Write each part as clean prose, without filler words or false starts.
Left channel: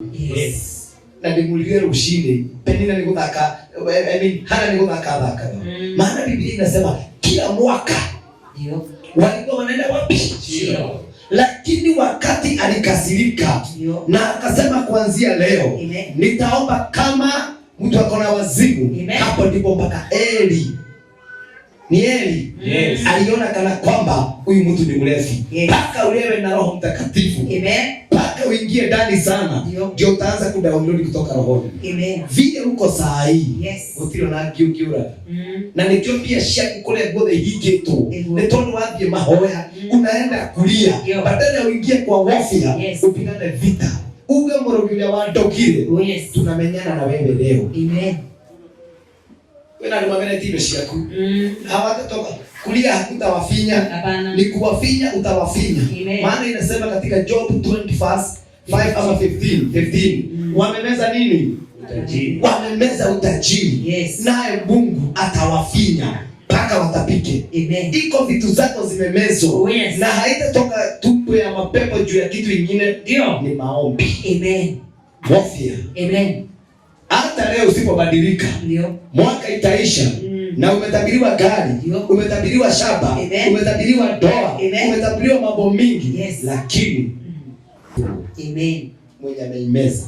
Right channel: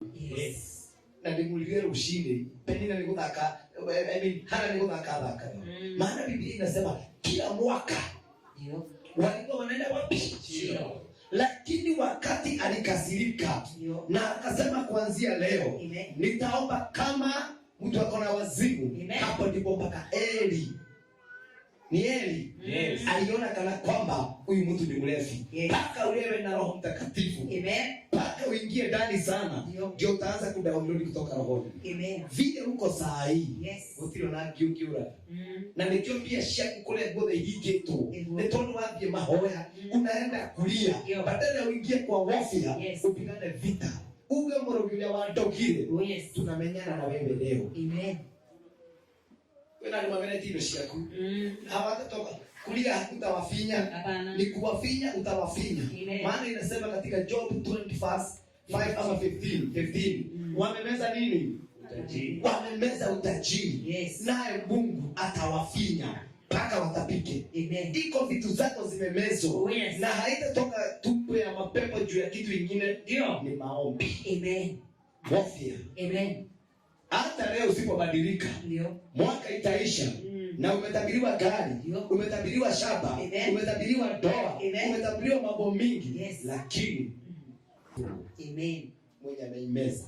Yes. Na ndimulire ushinde. Penina ni kuthaka, hana ni kuthaka. Maana Biblia inasema kila mwaka ndio walikuwa wanaenda wapi? Ndio. Lakini wakati alikasirika na akasema kuanzia leo nitaomba kama mtu akona wazimu. Hapo ndipo mpaka Eli. Ni Eli. Yes. Aliona kana kwamba huyu mtu ni mlevi. Paka ulewe na Roho Mtakatifu. Amen. Paka uingie ndani sana. Ndio utaanza kudownload kutoka rohoni. Amen. Vile uko saa hii. Yes. Utiro na kiukiura. Na nikio pia shaki kule ngode hiki tu. Netono wapi mahoya. Unaenda kulia. Badala uingie kwa warfare. Upigane vita. Uge morogilia wa dogire. Yes. Tunamenyana na wewe leo. Amen. Wena nimwamene tibe shiaku. Hawatatoka kulia hakutawafinya. Ni kuwafinya utawafinya. Maana inasema katika Job 20:5 ama 15. Wamemeza nini? Utajiri. Wamemeza utajiri. Yes. Naye Mungu atawafinya mpaka watapike. Amen. Iko vitu zako zimemezwa. Yes. Na haitatoka tumbo ya mapepo juu ya kitu kingine. Ndio. Ni maombi. Amen. Warfare. Amen. Hata leo usipobadilika, ndio mwaka itaisha. Na umetabiriwa gari, umetabiriwa shamba, umetabiriwa ndoa, umetabiriwa mambo mingi. Lakini Amen. Mwenye ameimeza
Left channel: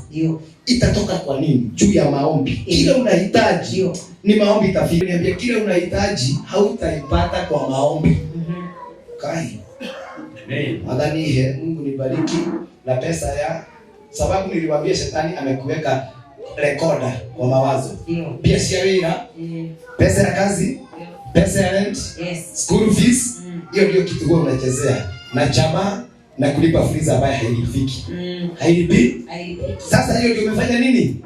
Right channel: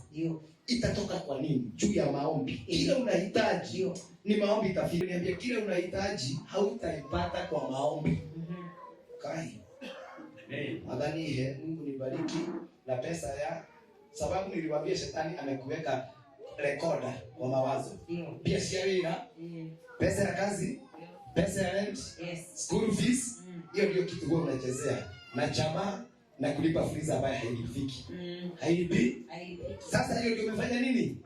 itatoka kwa nini? Juu ya maombi. Kile unahitaji ni maombi itafika. Niambia kile unahitaji hautaipata kwa maombi. Kai. Amen. Adhani Mungu nibariki na pesa ya sababu niliwaambia shetani amekuweka recorder kwa mawazo. Pia siawira. Pesa ya kazi, pesa ya rent, school fees, hiyo ndio kitu wewe unachezea. Na jamaa na kulipa freezer ambayo hailipiki. Hailipi? Sasa hiyo ndio umefanya nini?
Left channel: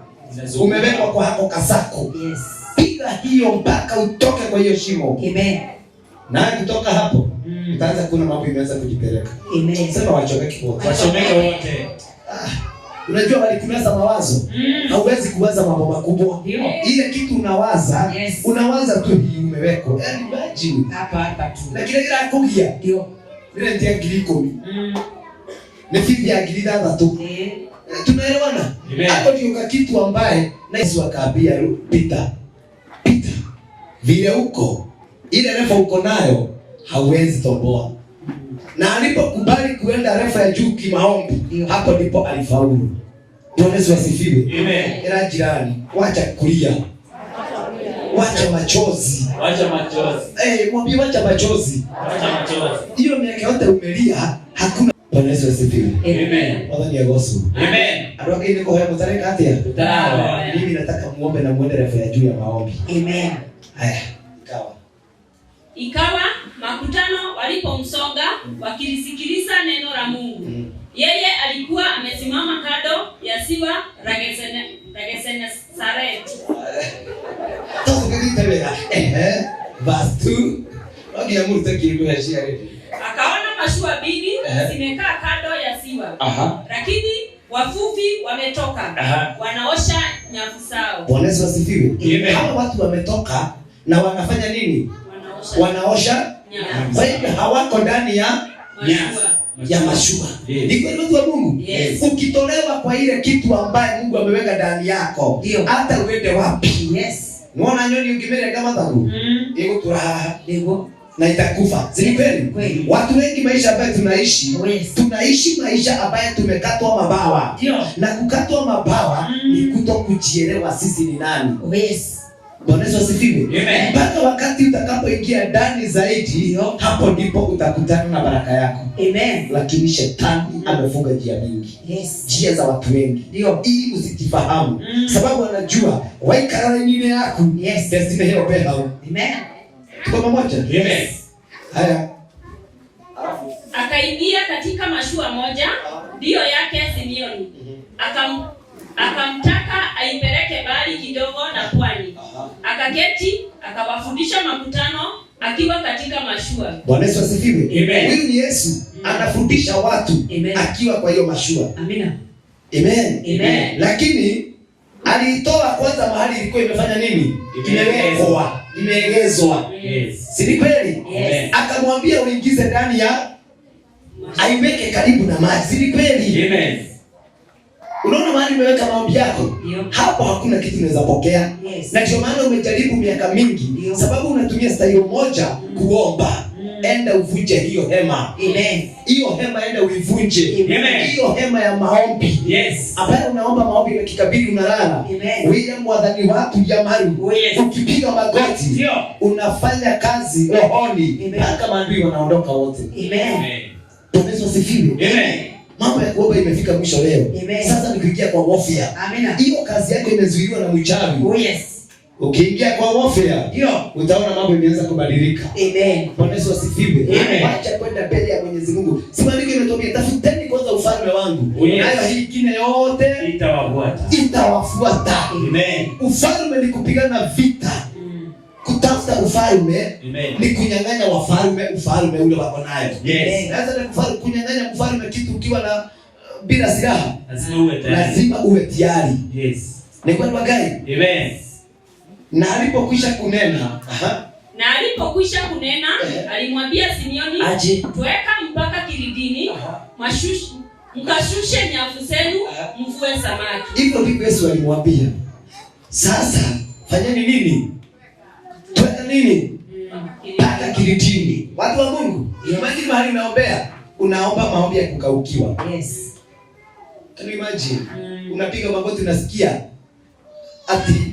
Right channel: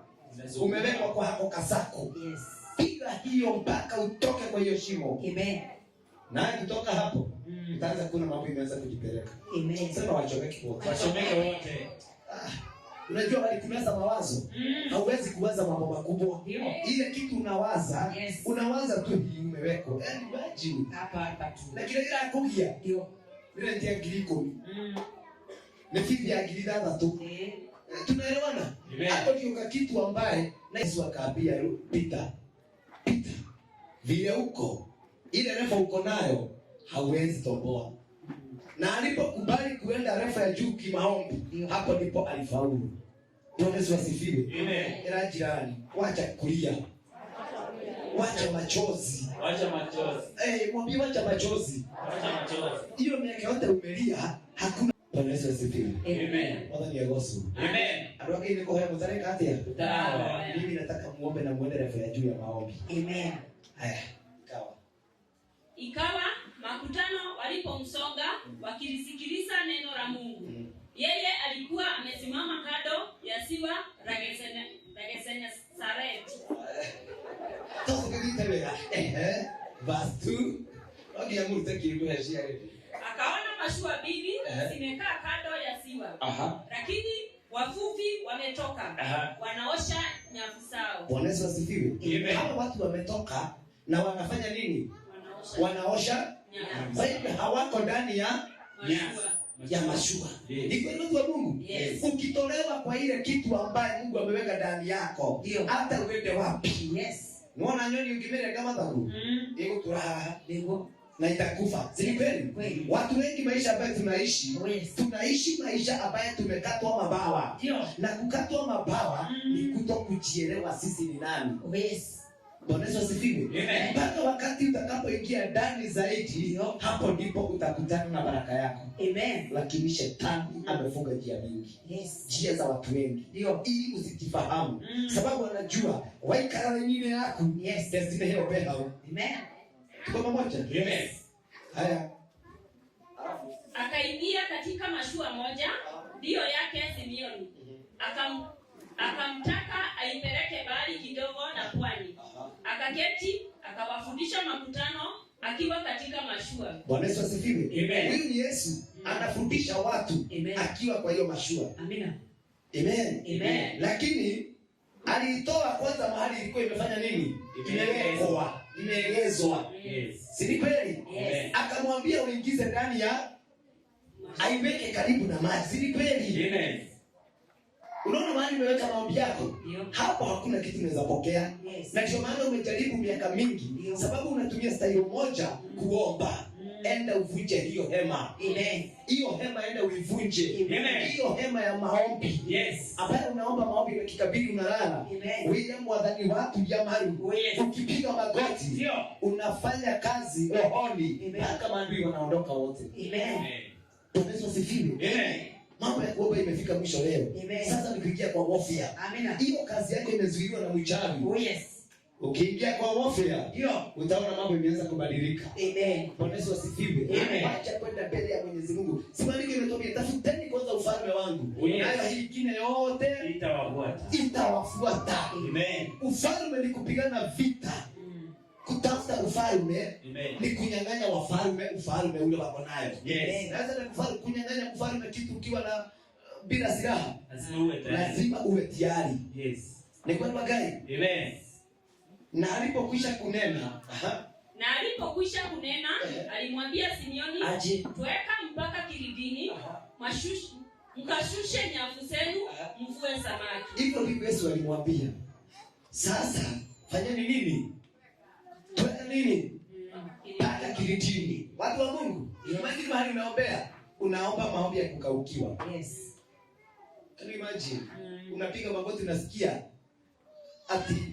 Umewekwa kwa hako kasako. Piga hiyo mpaka utoke kwa hiyo shimo. Amen. Na kutoka hapo utaanza kuona mambo imeanza kujipeleka. Amen. Sema wachomeke wote. Wachomeke wote. Unajua walikumeza mawazo. Hauwezi kuwaza mambo makubwa. Ile kitu unawaza, unawaza tu hii umewekwa. Yaani imagine hapa tu. Lakini ile akugia. Ndio. Ile ndio giliko. Ni fibi ya gilida tu. Tunaelewana? Hapo ndio kitu ambaye na Yesu akaambia Peter. Vile uko ile refa uko nayo hauwezi toboa. Na alipokubali kuenda refa ya juu kimaombi, hapo ndipo alifaulu. Bwana Yesu asifiwe. Amen. Era jirani, wacha kulia. Wacha machozi. Mwambie wacha machozi. Hiyo miaka yote umelia, hakuna. Bwana Yesu asifiwe. Amen. Bwana ni agosu. Amen. Aroke ni kwa hebu tareka hatia. Mimi nataka muombe na muende refa ya juu ya maombi. Amen. Haya. Ikawa makutano walipomsonga wakilisikiliza neno la Mungu. Yeye alikuwa amesimama kando ya ziwa la Genesaret. Akaona mashua mbili zimekaa kando ya ziwa. Lakini wavuvi wametoka. Wanaosha nyavu zao. Bwana Yesu asifiwe. Hao watu wametoka na wanafanya nini? Wanaosha nyavu. Kwa hivyo hawako ndani ya mashua. Ni kweli watu wa Mungu. Ukitolewa kwa ile kitu ambaye Mungu ameweka ndani yako, hata uende wapi. Unaona nyoni ukimele kama tangu. Iko turaha. Na itakufa. Si kweli? Watu wengi maisha ambayo tunaishi maisha ambayo tumekatwa mabawa. Na kukatwa mabawa ni kutokujielewa sisi ni nani. Bwana Yesu asifiwe. Mpaka wakati utakapoingia ndani zaidi, hapo ndipo utakutana na baraka yako. Amen. Lakini shetani amefunga njia mingi. Njia za watu wengi. Ili usijifahamu. Sababu anajua waikara nyingine yako. Destiny hiyo pehao. Amen. Tuko pamoja? Amen. Haya. Akaingia katika mashua moja, ndio yake Simeoni. Akamtaka aipeleke mbali kidogo na pwani. Akaketi, akawafundisha makutano akiwa katika mashua. Bwana Yesu asifiwe. Huyu ni Yesu anafundisha watu akiwa kwa hiyo mashua. Amina. Amen. Lakini aliitoa kwanza mahali ilikuwa imefanya nini? Imewekwa, imeegezwa. Si kweli? Akamwambia uingize ndani ya aiweke karibu na maji. Si kweli? Unaona mahali umeweka maombi yako? Hapo hakuna kitu unaweza pokea. Na ndio maana umejaribu miaka mingi sababu unatumia style moja kuomba. Enda uvunje hiyo hema. Amen. Hiyo hema enda uivunje. Amen. Hiyo hema ya maombi. Yes. Ambayo unaomba maombi na kikabidi unalala. Amen. Wewe mwadhani watu jamani. Yes. Ukipiga magoti. Ndio. Unafanya kazi rohoni. Mpaka maadui wanaondoka wote. Amen. Yesu asifiwe. Amen. Mambo ya kuomba imefika mwisho leo. Amen. Sasa ni kuingia kwa warfare. Amina. Hiyo kazi yako imezuiliwa na mchawi. Oh yes. Ukiingia kwa warfare, ndio utaona mambo imeanza kubadilika. Amen. Bwana Yesu asifiwe. Amen. Acha kwenda mbele ya Mwenyezi Mungu. Si maandiko imetwambia tafuteni kwanza ufalme wangu. Nayo hii ingine yote itawafuata. Amen. Ufalme ni kupigana vita. Kutafuta ufalme ni kunyang'anya wafalme ufalme ule wako nayo. Yes. Sasa ni kufanya kunyang'anya mfalme kitu ukiwa na bila silaha. Lazima uwe tayari. Yes. Ni kwa gani? Amen. Na alipokwisha kunena, alimwambia Simeoni, tuweka mpaka kilindini, mkashushe nyavu zenu, mvue samaki. Hivyo ndivyo Yesu alimwambia. Sasa fanyeni nini? Tuweka nini? Mpaka kilindini. Watu wa Mungu, imagine mahali unaombea, unaomba maombi ya kukaukiwa. Yes. Can you imagine? Unapiga magoti unasikia ati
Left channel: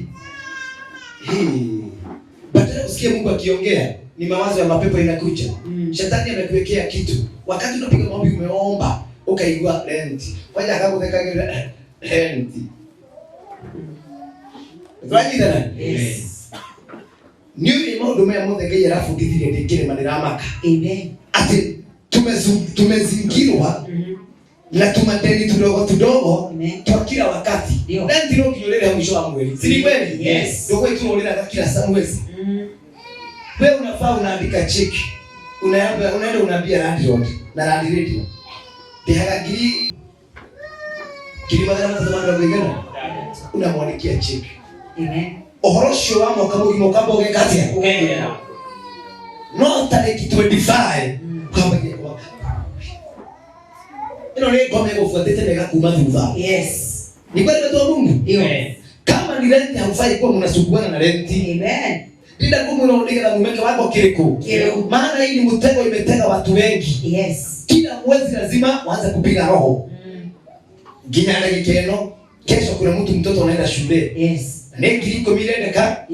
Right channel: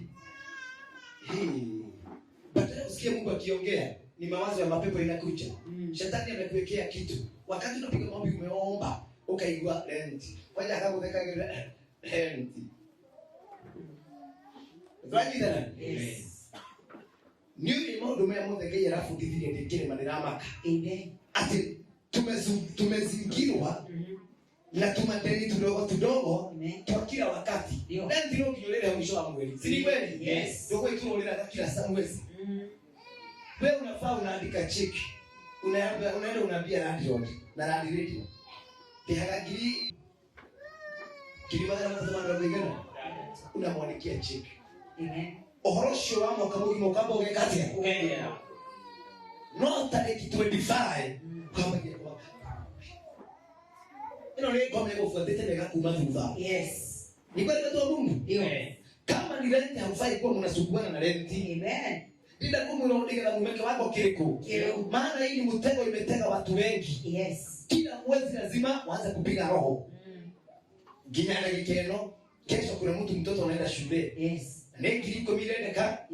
badala usikie Mungu akiongea ni mawazo ya mapepo inakuja. Shetani amekuwekea kitu. Wakati unapiga maombi umeomba, ukaigua renti. Waje akakuteka renti. Twajidana? Yes. Ni maundu ya muthege yarafu githire ndikire maniramaka. Amen. Ati tumezingirwa na tumadeni tudogo kwa kila wakati. Renti ndio kinyorera mwisho wa mwezi. Si kweli? Yes. Ndio wewe tunaolera kila mwezi. Wewe unafaa unaandika cheki. Unaenda unaambia landlord na landlady. Bihaga kili magana mazamanda bigana. Unamwandikia cheki. Amen. Ohorosho wa mwaka mugimo gekatia. No tariki 25 kwa mwenye kwa. Ino ni ngome kufuatete mega kuma thutha. Yes. Ni kweli watu wa Mungu? Ndio. Kama ni renti haufai kuwa mnasuguana na renti. Amen. Bila kumwona na mumeke wako kiriko. Maana hii ni mtego imetega watu wengi. Yes. Kila mwezi lazima waanze kupiga roho. Ginyana gikeno, kesho kuna mtoto anaenda shule. Yes. Ne kiriko mirendeka.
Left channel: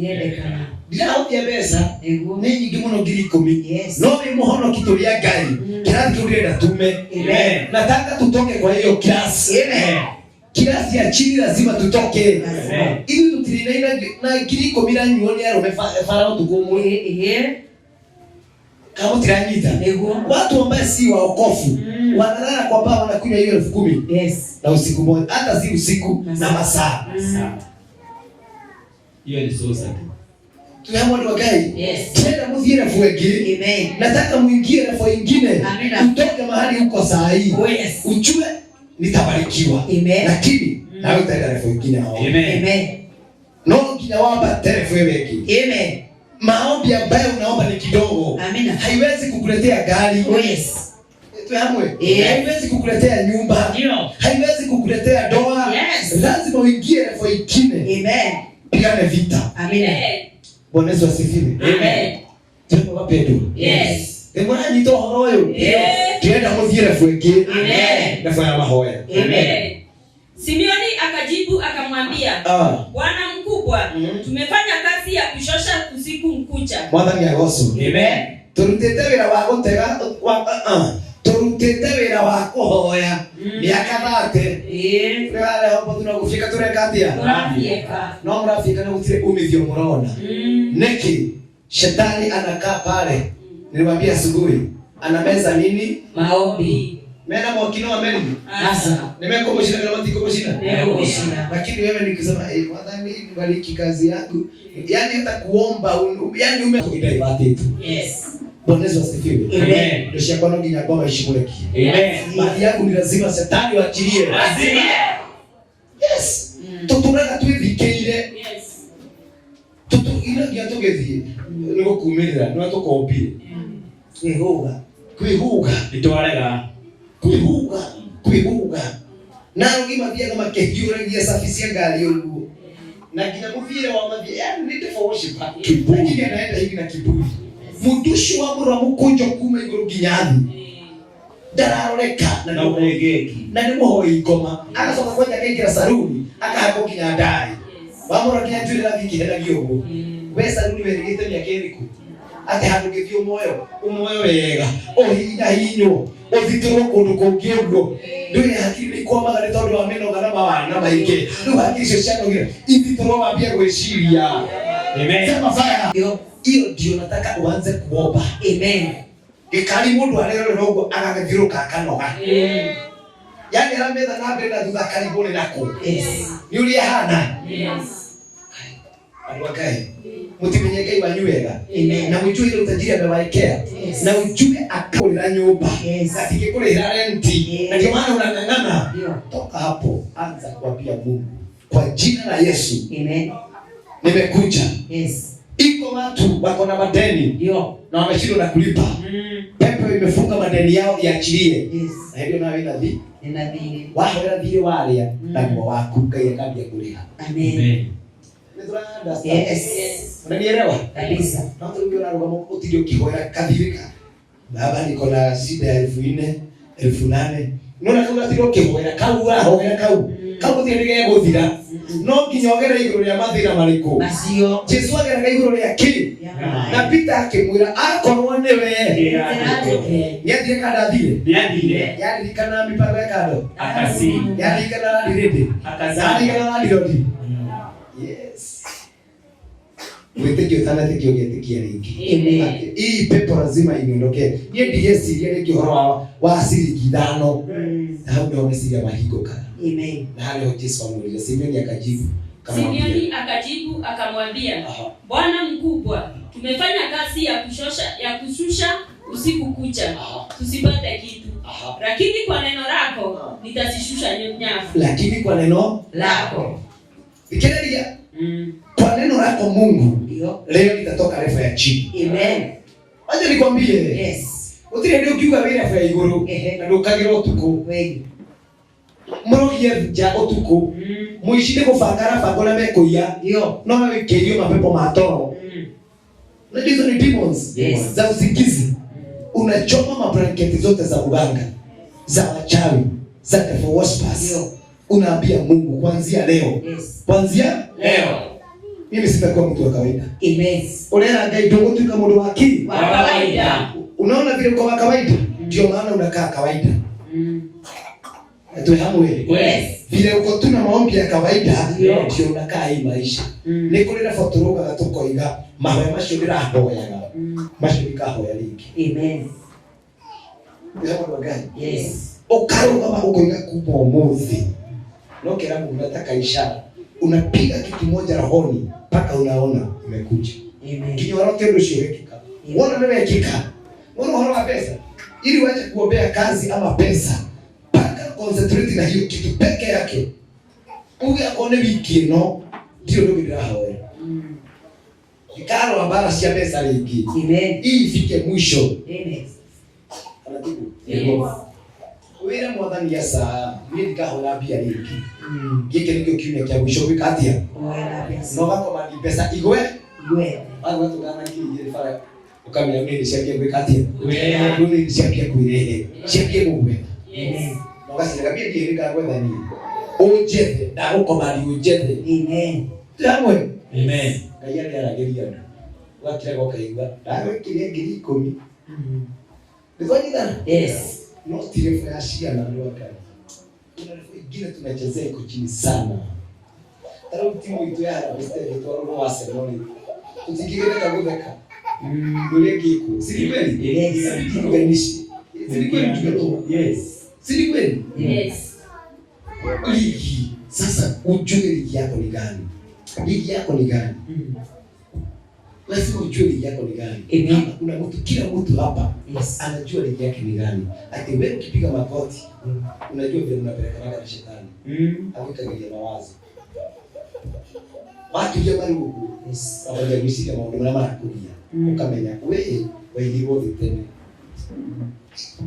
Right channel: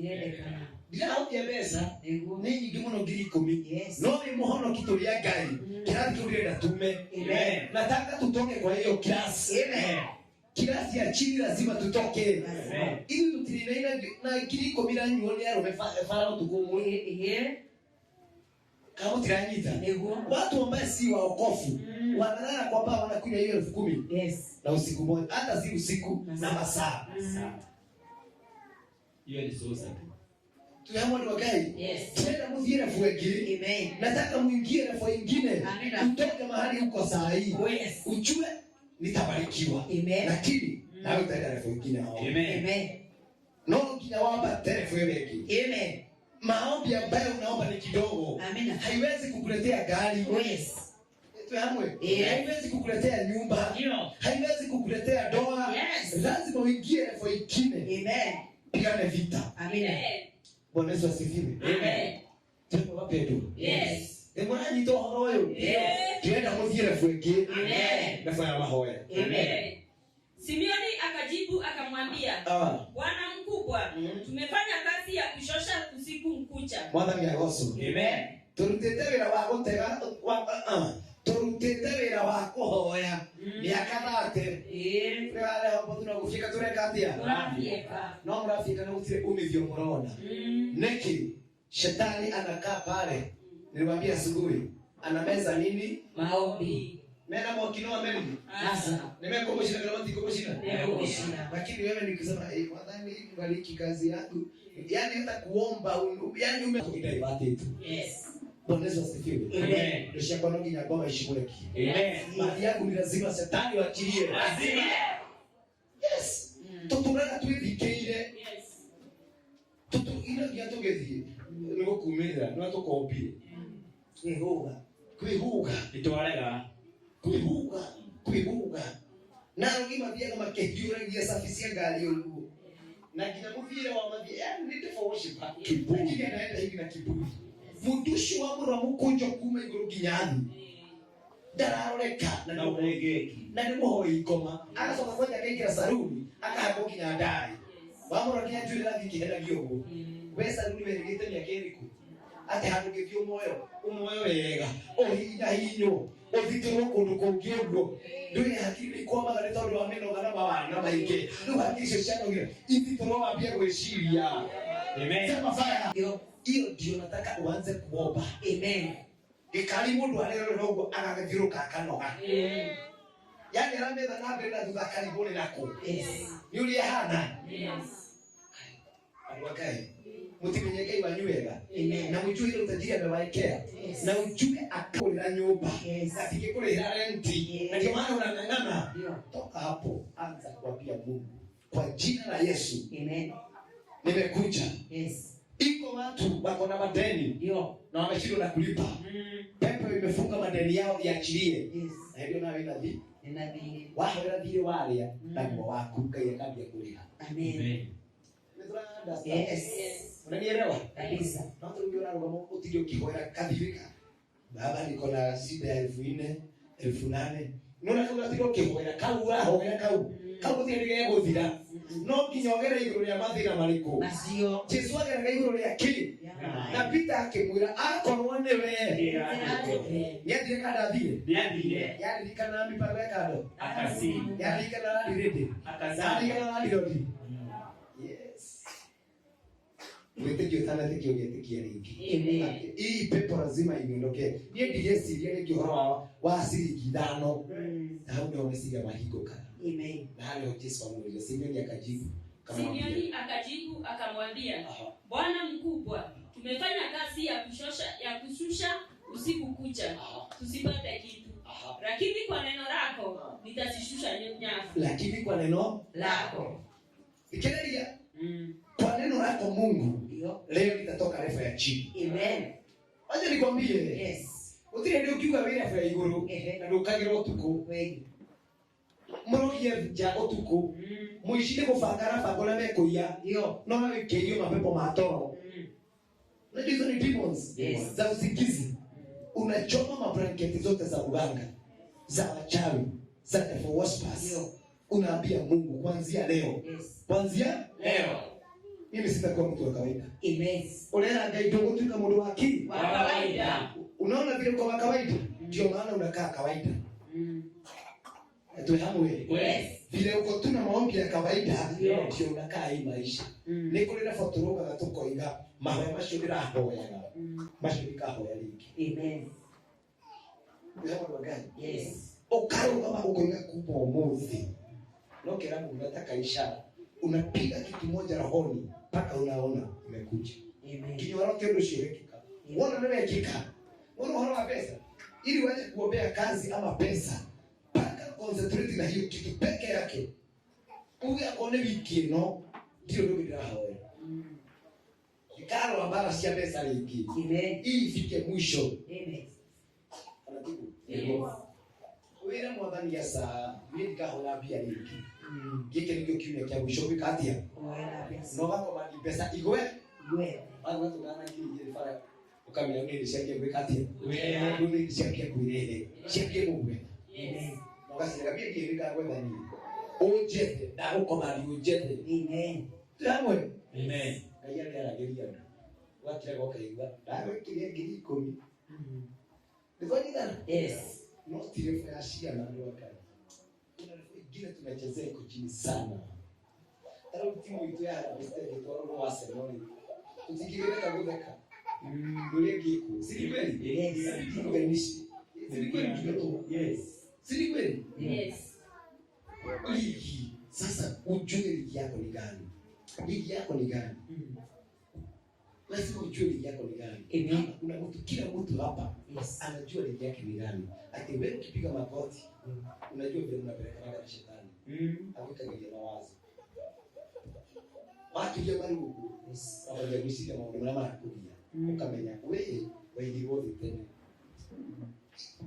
Bila hoja pesa, ni nyingi muno kiriko mi. Yes. No ni muhono kitulia gari. Kirati turenda tume. Amen. Nataka tutoke kwa hiyo class. Amen. Kiasi ya chini lazima tutoke. Amen. Ili tutirina na kiriko mira nyoni ya romefa farao tukumu. Kama tiranyita. Watu ambao si waokofu wanalala kwa baba wanakunywa hiyo 10,000. Yes. Na usiku moja hata si usiku na masaa. Hiyo ni sosa. Tunaomba ndio gai. Yes. Tena mudhira fuegi. Amen. Nataka muingie na fo ingine. Amina. Utoke mahali uko saa hii. Oh yes. Ujue nitabarikiwa. Amen. Lakini na utaenda na fo ingine maombi. Amen. Amen. No kinaomba telefoni wengi. Amen. Maombi ambayo unaomba ni kidogo. Amina. Haiwezi kukuletea gari. Oh yes. Tuamwe. Haiwezi kukuletea nyumba. Ndio. Haiwezi kukuletea doa. Yes. Lazima uingie na fo ingine. Amen. Pigane vita. Amina. Bwana Yesu asifiwe. Amen. Tuko wapendwa. Yes. Mbona ni to horoyo? Yes. Tuenda mudhira fuegi. Amen. Na fanya mahoya. Amen. Simeoni akajibu akamwambia, Bwana mkubwa, tumefanya kazi ya kushosha usiku mkucha. Mwathani agoso. Amen. Turutete wira wa gutega turutete wira wa kuhoya. Miaka 30. Wale hapo tunakufika turekatia. Tunafika. No mrafika na utire umithio murona. Neki shetani anakaa pale. Niliwaambia asubuhi ana nini? Maombi. Mena mwakino wa meni. Asa. Nimekomoshina kama tikomoshina. Nimekomoshina. Lakini wewe nikisema Mwathani bariki kazi yangu. Yaani hata kuomba yaani umekuidai watu. Yes. Bwana Yesu asifiwe. Amen. Ndio shaka ndio ginya kwa ishimuleki. Amen. Mali yangu ni lazima shetani waachilie. Lazima. Yes. Tuturaga twithikeire. Yes. Tutu ina gia tugethie. Niko kumirira, no tukombire. Kwihuga. Itwarega. Kwihuga. Na ngima pia kama kehiura ngia safisia gari huko. Na kina kuvile wa mabia, yani need for worship. Kiburi anaenda hivi na kiburi. Mudushi wa mura mukonjo kuma iguru ginyani. Darareka na uregeki. Na ni muhoi ngoma. Akasoma kwenda kaingira saruni, akahako kinyandai. Wamura kinyajuri na viki hela gyogo. We saruni weregete mya keriku. Ate handu githio umoyo wega. Ohinya hinyo. Othitoro kundu kungiogo. Nduri hakiri kwa magari tondu wa meno kana mawana maingi. Ndu hakiri cio cianogira. Ithitoro wambia gwiciria. Amen. Sema fire. Hiyo ndio nataka uanze kuomba. Amen. Gikari mundu arerorera ugo agagithiruka akanoga. Yani arametha na mbere na thutha karibuni nako. Yes. Ni uri hana. Yes. Alwakai. Mutimenye Ngai wanyu wega. Amen. Na mujue ile utajiri amewaekea. Yes. Na ujue akulira nyumba. Yes. Atikikulira renti. Yes. Na ndio maana unang'ang'ana. Toka hapo anza kuambia Mungu kwa jina la Yesu. Amen. Nimekuja. Yes. Iko watu wako na madeni. Ndio. Na wameshindwa na kulipa. Pepo imefunga madeni yao iachilie. Yes. Na hiyo nawe inadhi. Inadhi. Wao inadhi wale na kwa wako Ngai akambia kulipa. Amen. Yes. Unanielewa? Kabisa. Na mtu ndio anaruka mkotidio kihoya kadhirika. Baba niko na shida ya 4,000, 8,000. Unaona kama ndio kihoya kaua hoya kau. Kau ndirige guthira. No kinyogera iguru ya mathira mariko. Nacio. Jesu agera iguru ya ki. Na Peter akimwira akorwo niwe. Yathire kada thire. Yathire. Yathire kana mipango ya kado. Akasi. Yathire kana direde. Akasi. Yathire kana dirodi. Yes. Wetekio tana tekio getekia ringi. Amen. Hii pepo lazima iniondoke. Ni DS ile kihoro wa asili kidano. Na hapo ndio umesikia mahigo kana. Amen. Na hali Yesu amuuliza Simeoni akajibu Simeoni akajibu akamwambia, Bwana mkubwa, tumefanya kazi ya kushusha usiku kucha. Tusipate kitu. Lakini kwa neno lako nitazishusha nyavu. Lakini kwa neno lako. Ikiendelea. Kwa neno lako Mungu leo nitatoka refu ya chini. Amen. Aje nikwambie. Yes. Utire ndio kiuga vile refu ya iguru na ndio kagero tuko. Wewe. Murogie ja otuko. Muishinde kufangara fangona mekoia. Ndio. No wekerio mapepo matoro. Na hizo ni demons. Yes. Za usikizi. Unachoma mablanketi zote za uganga. Za wachawi. Za devil worshippers. Ndio. Unaambia Mungu kuanzia leo. Yes. Kuanzia leo. Mimi sitakuwa mtu wa kawaida. Amen. Unaona Ngai ndio mtu kama mtu wa kawaida. Unaona vile kwa kawaida ndio maana unakaa kawaida. Ndio hapo wewe. Yes. Vile uko tu na maombi ya kawaida ndio unakaa hii maisha. Ni kulira fotoroga gatukoiga mawe macio ndirahoyaga. Macio ndikahoya ringi. Amen. Ndio hapo gani? Yes. Ukaruga ukoiga kupo muthi. No kila Mungu nataka ishara. Unapiga kitu moja rohoni mpaka unaona imekuja. Amen. Kinyoro tendo shirikika. Unaona wewe hakika. Unaona horo pesa. Ili uache kuombea kazi ama pesa. Paka concentrate na hiyo kitu peke yake. Uge akone wiki no ndio ndio bila hawe. Ikaro habara sia pesa lingi. Amen. Hii ifike mwisho. Amen. Anatibu. Yes. Wira mwathani ya saa mimi nikahola pia lingi. Gike ndio kiume kia mwisho wikatia. No gako mali pesa igwe. Igwe. Watu kana kile fara ukamenya mimi nishakia wikatia. Wewe ndio nishakia kuirehe. Shakia mwe. Yes. No gasi ngabia kile ngagwe dhani. Ujete na uko mali ujete. Amen. Jamwe. Amen. Kaya ndio anageria. Wakira kwa kaigwa. Dawe kile ngiri 10. Nifanye dana? Yes. No tire fa ashia na ndio wakati. Ingine tunachezea iko chini sana. Taro timu itu ya mstari tu wa Arsenal. Usikigene kabudaka. Ndio kiko. Si kweli? Yes. Si kweli tuko. Yes. Si kweli? Yes. Ligi. Sasa ujue ligi yako ni gani? Ligi yako ni gani? Lazima ujue ligi yako ni gani. Hapa kuna mtu, kila mtu hapa anajua ligi yake ni gani. Ati wewe ukipiga magoti, unajua vile unapeleka na shetani. Akikagilia mawazo. Watu jamani huko. Hawajabishika mambo na mara kulia. Ukamenya wewe wote tena.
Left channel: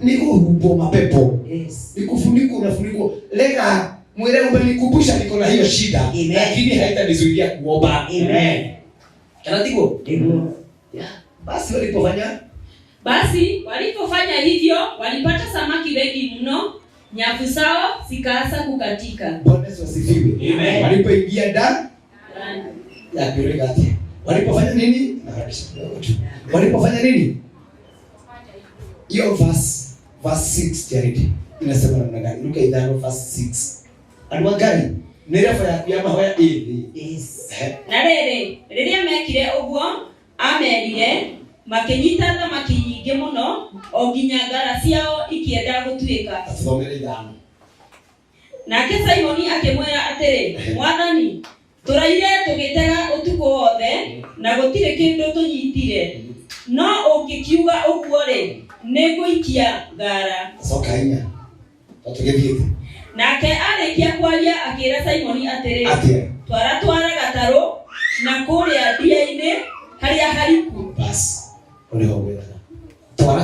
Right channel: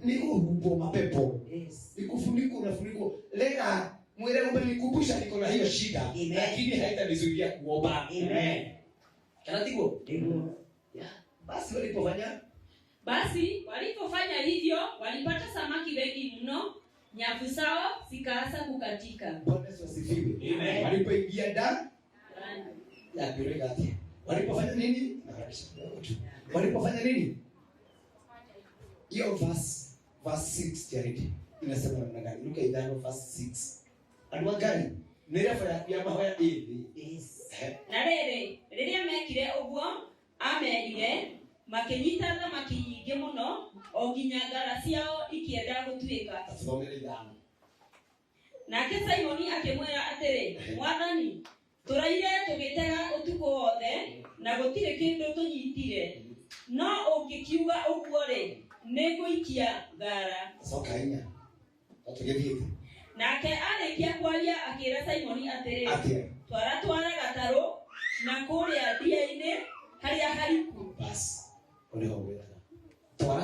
Niko hubo mapepo. Nikufuniko unafuniko lega Mwele umenikumbusha niko na hiyo shida, lakini haitanizuia kuomba. Amen. Kanatiko? Yeah. Basi walipofanya hivyo walipata samaki wengi mno, nyavu zao zikaanza kukatika. Bwana Yesu asifiwe. Amen. Walipoingia ndani ya Giligadi. Walipofanya nini? Walipofanya nini? Hiyo verse 6 Charity inasema namna gani? Luka 5:6. Anwa gani? Nerefa ya kuyama hoya ili. Yes. Na rĩrĩa mekire ũguo amerire makinyita thamaki nyingĩ mũno o nginya ngara ciao ikienda gũtuĩka. Athomere ithano. Nake Simoni akĩmwĩra atĩrĩ, Mwathani, tũraire tũgĩtega ũtukũ wothe na gũtirĩ kĩndũ tũnyitire. No ũngĩkiuga ũguo-rĩ, nĩngũikia ngara. Coka-inya. Tũtũgĩthiĩte. Nake arĩkia kwaria akĩra Simoni atĩrĩ, twara gatarũ na kũrĩa ndia-inĩ harĩa hariku. Basi, ũrĩho gwĩtaga.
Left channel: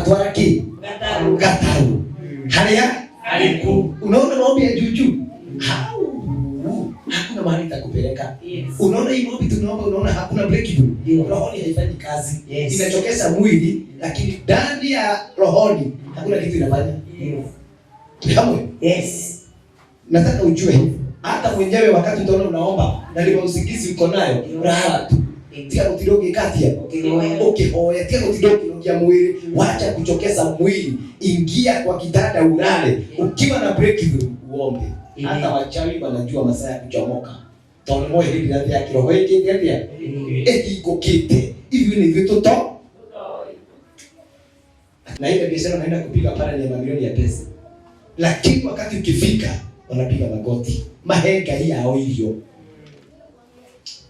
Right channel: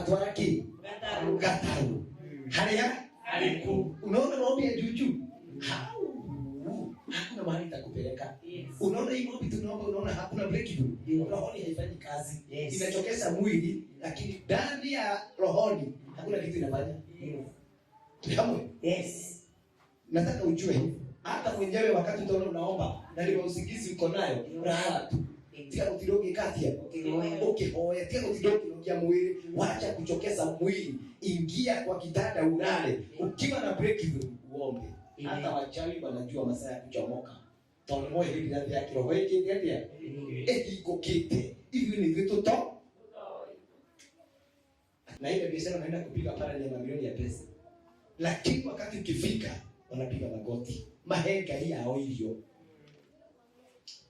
Twara kĩ? Gatarũ. Harĩa hariku. Unaona maombi ya juju? Hakuna mahali itakupeleka. Yes. Unaona hii maombi tunaomba, unaona hakuna breakthrough. Rohoni haifanyi kazi. Yes. Inachokesha mwili, lakini ndani ya rohoni hakuna kitu inafanya. Yes. Nataka ujue hivi. Hata mwenyewe wakati utaona unaomba na lima usingizi uko nayo, raha tu. Tia kutidogi katia. Ukihoya, tia kutidogi ya mwili, wacha kuchokeza mwili. Ingia kwa kitanda ulale. Ukiwa na breakthrough uombe. Hata wachawi wanajua masaa ya kuchomoka. Taona moyo hili ndani ya kiroho hiki ndio. Iko kite. Hivi ni vitu to. Na ile biashara naenda kupiga pale ni mamilioni ya pesa. Lakini wakati ukifika wanapiga magoti. Mahenga hii hao hivyo.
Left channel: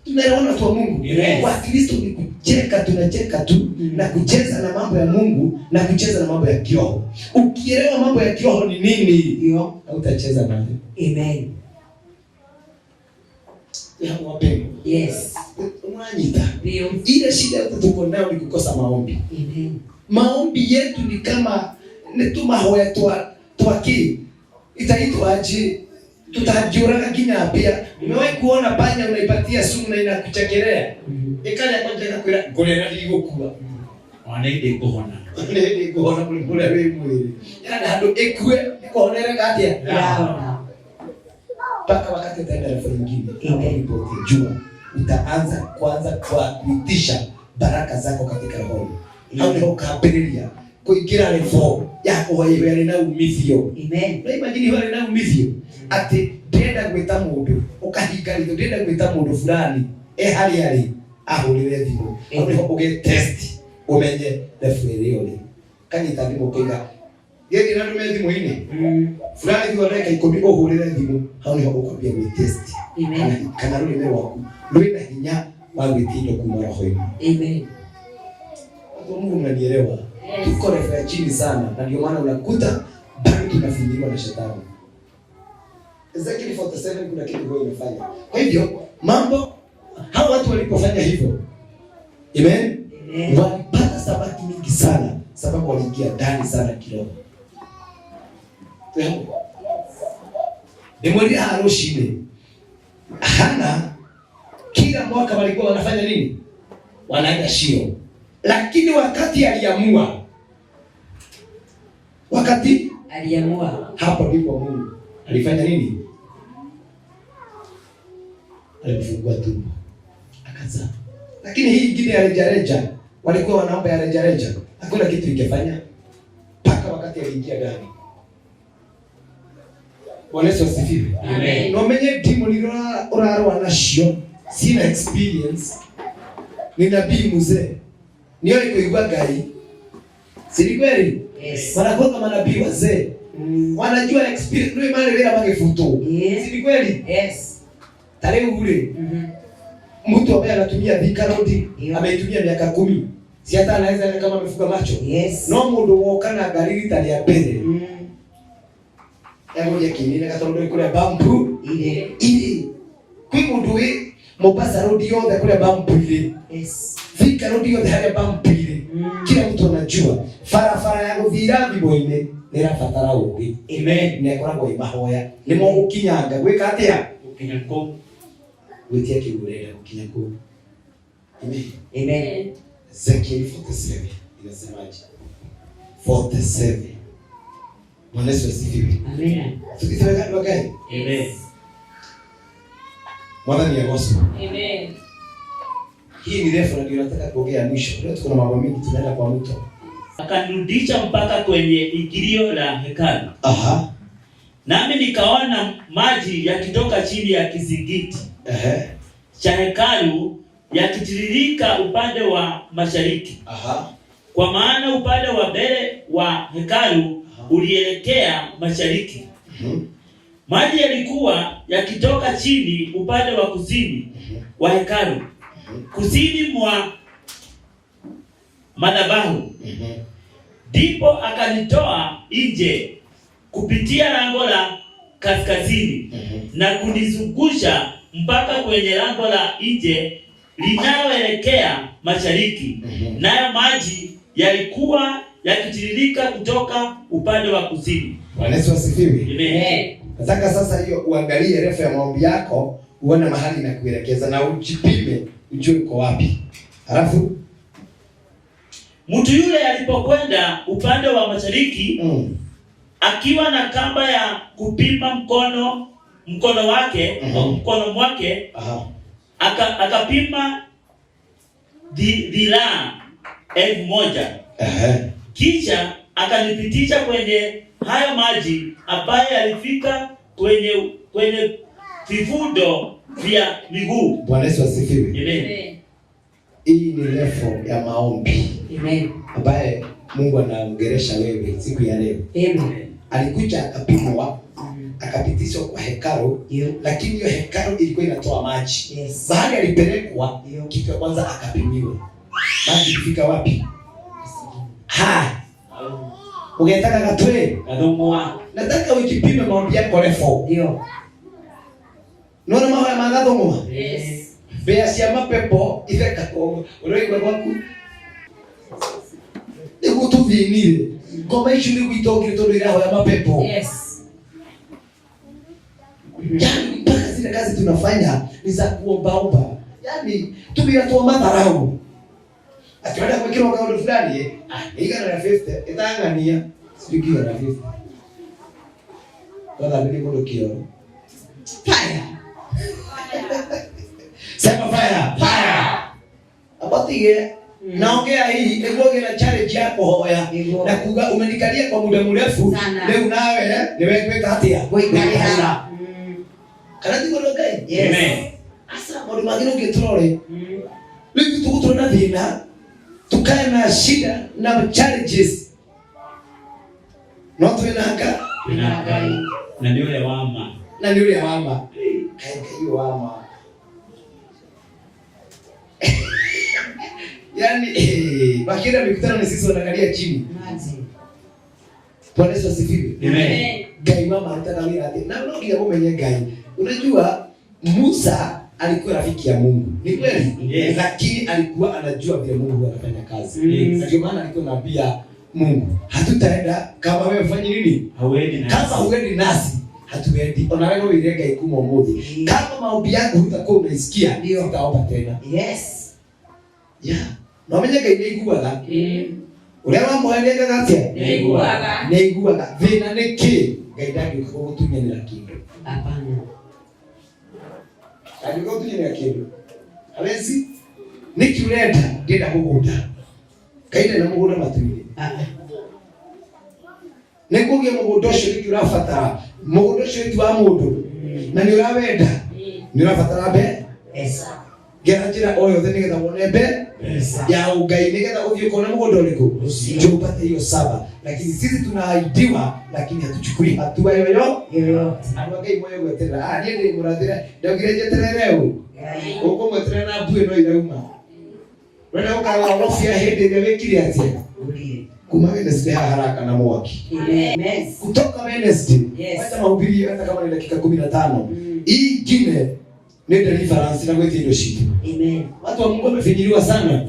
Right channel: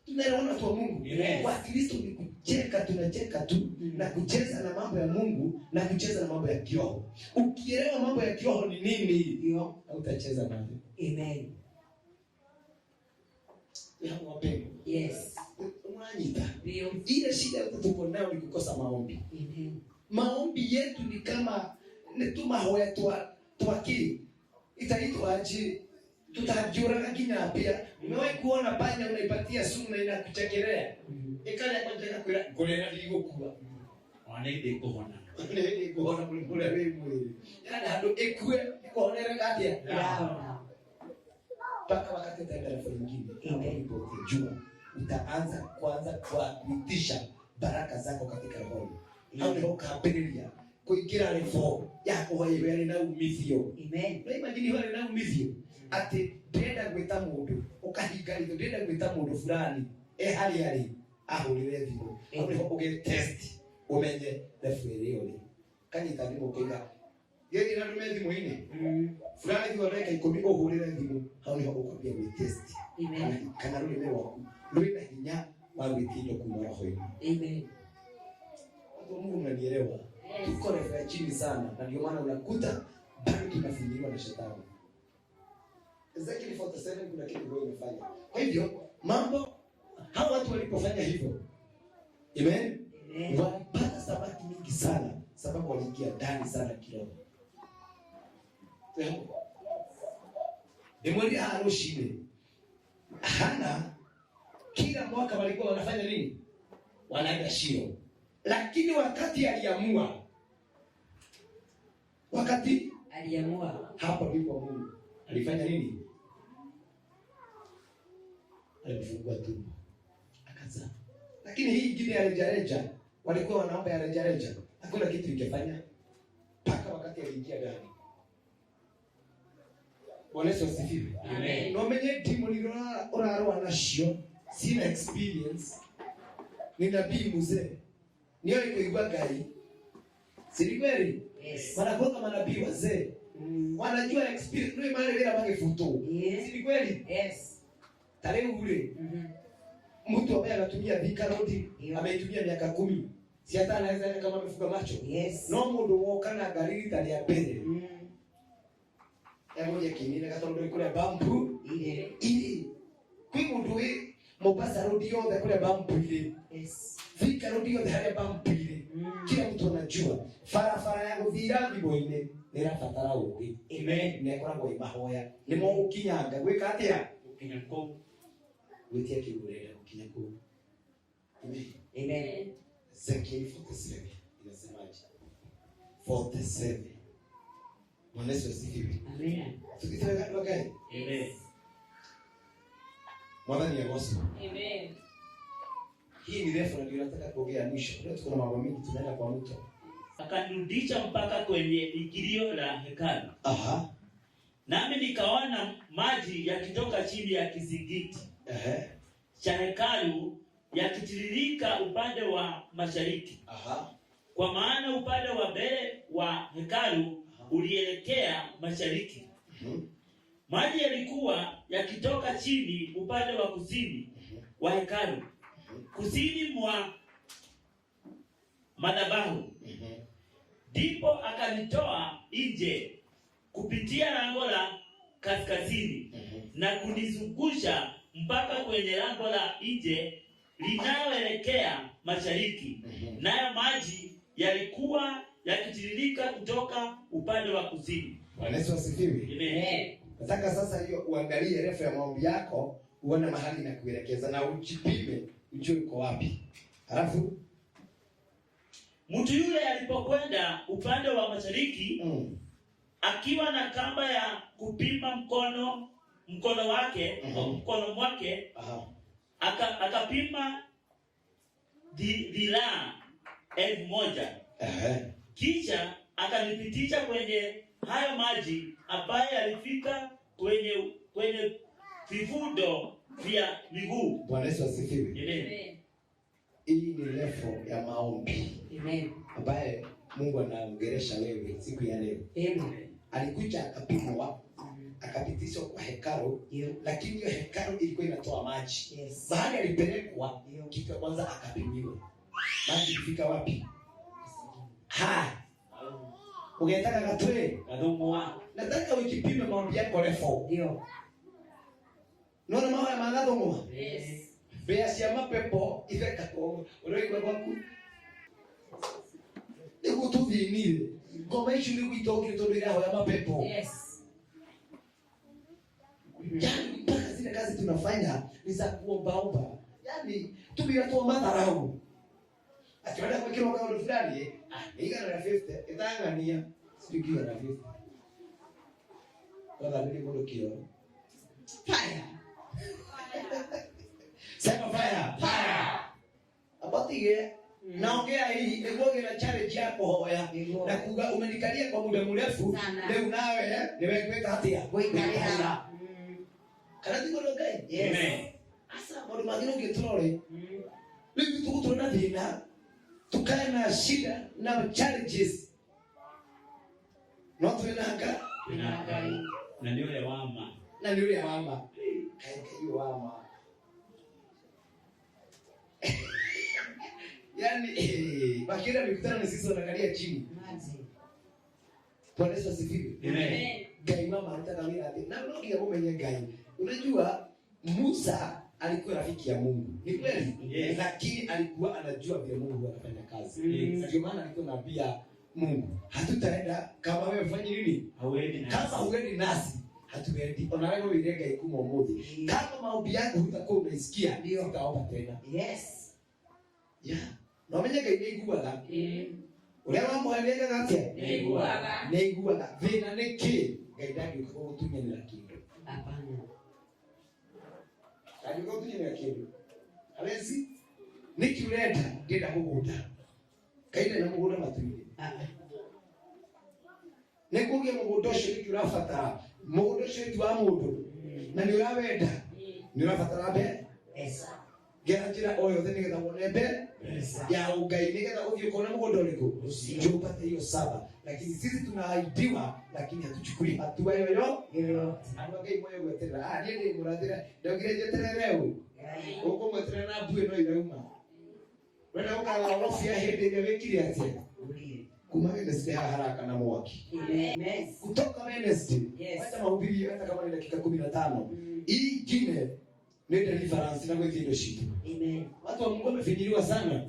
Tunaona tu Mungu. Kwa Kristo ni kucheka, tunacheka tu na kucheza na mambo ya Mungu na kucheza na mambo ya kiroho. Ukielewa mambo ya kiroho ni nini, ndio utacheza nayo. Amen. Ya wapendwa. Yes. Unanyita. Ndio. Ile shida yote tuko nayo ni kukosa maombi. Amen. Maombi yetu ni kama ni tu mahoya twaki. Itaitwa aje? Tutajura kinya pia. Umewahi kuona panya unaipatia sumu na inakuchekelea? Ikaja kwa jana kwa gole na ligokua. Wanaende kuhona. Wanaende kuhona kule wewe mwili. Yana hado ekwe kuhonera gatia. Paka wakati utaenda na nyingine. Amen. Jua utaanza kwanza kwa kuitisha baraka zako katika roho. Au ndio kabelia. Kuingira level yako wewe na umithio. Amen. Na imagine wewe na umithio. Ati ndenda gwita mundu ukahinga ritho ndenda gwita mundu fulani hali ahurire thimu ndio uge test umenye level iyo ni kanyita thimu kuiga yeye na ndume thimu ini fulani ndio ndeka ikobi uhurire thimu hau ndio ukwambia gwi test. Amen. Kana ruri ne waku rwina hinya wa gwitindo kuma roho-ini. Amen. Mungu unanielewa? Tuko refa chini sana na ndio maana unakuta bado tunafinyiliwa na shetani. Ezekiel 47 kuna kitu roho imefanya. Kwa hivyo mambo hao watu walipofanya hivyo, amen, walipata samaki mingi sana sababu waliingia ndani sana kiroho. Demonia haroshine. Hana kila mwaka walikuwa wanafanya nini? Wanaenda Shilo. Lakini wakati aliamua hapo ndipo Mungu alifanya nini? Alifungua tumbo akazaa. Lakini hii ingine ya rejareja walikuwa wanaomba ya rejareja, hakuna kitu ingefanya mpaka wakati aliingia ndani. Bwana Yesu asifiwe. Amen. No menye timu ni oraro nacio sina experience ni nabii mzee niyo ikuigwa Ngai. Si kweli? Yes. Wanakuwa kama nabii wazee. Wanajua experience ndio maana wale magefuto. Yes. Si kweli? Yes. Tarehe ule. Mtu ambaye anatumia vikaroti ameitumia miaka 10. Si hata anaweza kama amefuga macho. Yes. No mundu wokana galili tali ya pele. Yango ya kinene katondo kule bambu ile. Kwa mundu we Mombasa road yote kule bambu ile. Yes. Vika road yote hali bambu ile. Kila mtu anajua. Farafara yangu viravi boine. nirabatara ugi Amen. nekoragwo imahoya nimo gukinyanga gwika atia Gukinya kuu. gwitia kiurenda gukinya kuu. Amen. Amen. Ezekiel 47 inasemaje? 47. Bwana Yesu asifiwe. Amen. Tukitaka gani wagai? Amen. Mwadhani ya gospel. Amen. Hii ni refu na ndio nataka kuongea mwisho. Leo tuko na mambo mengi tunaenda kwa mto. Akanirudisha mpaka kwenye ingilio la hekalu. Aha. Nami nikaona maji yakitoka chini ya kizingiti cha hekalu yakitiririka upande wa mashariki. Aha. Kwa maana upande wa mbele wa hekalu ulielekea mashariki. Maji yalikuwa yakitoka chini upande wa kusini wa hekalu, kusini mwa madhabahu. Ndipo akanitoa nje kupitia lango la kaskazini na kunizungusha mpaka kwenye lango la nje linaloelekea mashariki. Nayo maji yalikuwa yakitiririka kutoka upande wa kusini. Bwana Yesu asifiwe. Amen. Nataka sasa hiyo uangalie refu ya maombi yako, uone mahali na kuelekeza na ujipime, ujue uko wapi. Halafu mtu yule alipokwenda upande wa mashariki akiwa na kamba ya kupima mkono wake, mkono mwake, akapima dhiraa 1,000. Kisha akanipitisha kwenye hayo maji ambayo yalifika kwenye vifundo vya miguu. Bwana Yesu asifiwe. Amen. Hii ni refu ya maombi. Amen. Ambaye Mungu anaongelesha wewe siku ya leo. Amen. Alikuja akapimwa, akapitishwa kwa hekalu, lakini hiyo hekalu ilikuwa inatoa maji. Baada alipelekwa, kitu ya kwanza akapimiwa. Maji ilifika wapi? Ungetaka katwe? Kadhumwa. Nataka ujipime maombi yako refu. Ndio. Naona mawe ya magadhumwa? Yes. Bea cia mapepo itheka kwa uroigwa gwaku. Niguo tuthinire. Ngoma icio niguo itongire tondu irahoya mapepo. Yes. Yaani mpaka zile kazi tunafanya ni za kuombaomba. Yaani tumeatoa madharau. Akienda kwa kile kauli fulani igana na 50 itangania sikiga na 50. Wala ndio modo kioro. Fire. Sema fire. Abatige naongea hii egoge na challenge yako hoya na kuga umenikalia kwa muda mrefu leo nawe niwe kweka hatia kuikalia. Kana ndiko ngai. Amen. Asa modu magino ungetrole. Leo tukutona thina tukae na shida na challenges. Noto inaka na ni yule wama. Na ni yule wama. Kaika hiyo wama. Yaani bakira mikutano ni sisi wanaangalia chini. Bwana Yesu asifiwe. Amen. Gai mama anataka mimi ati. Na unaongea mwenye gai. Unajua Musa alikuwa rafiki ya Mungu. Ni kweli? Yes. Lakini alikuwa anajua vile Mungu anafanya kazi. Yes. Ndio maana alikuwa anaambia Mungu, hatutaenda kama wewe ufanye nini? Hauendi nasi. Kama huendi nasi, hatuendi. Ona wewe irenga ikumo moja. Kama maombi yako hutakuwa unaisikia, ndio utaomba tena. Yes. Yeah. Na mwenye gai neiguaga. Ule mambo alenga gatia. Neiguaga. Vina neki. Gai ndagi kwa gutunyanira kindu. Hapana. Alikuwa tunyenya kindu. Alezi niki urenda ndenda mugunda. Kaine na mugunda matwire. Nikuge mugunda ucio niki urafatara. Mugunda ucio ni wa mundu. Na ni urawenda. Ni urafatara be? Yes. Gera njira oyo thini getha wone be? Ya ugai nigetha uthie kona mugunda uriku. Ndio upate hiyo saba. Lakini sisi tunaahidiwa lakini hatuchukui hatua yoyote. Anagai moyo gweterera. Niĩ ndĩ mũrathĩre ndaugire njeterere ũũ. Ũkũmweterera na mbuĩ no irauma. Wenda ũkaga ũrofia hĩndĩ ĩrĩa wĩkire atĩa? Kuma Wednesday haraka na mwaki. Amen. Kutoka Wednesday. Hata mahubiri hata kama ni dakika 15. Hii ingine ni deliverance na gwethia indo citu. Amen. Watu wa Mungu wamefinyiliwa sana.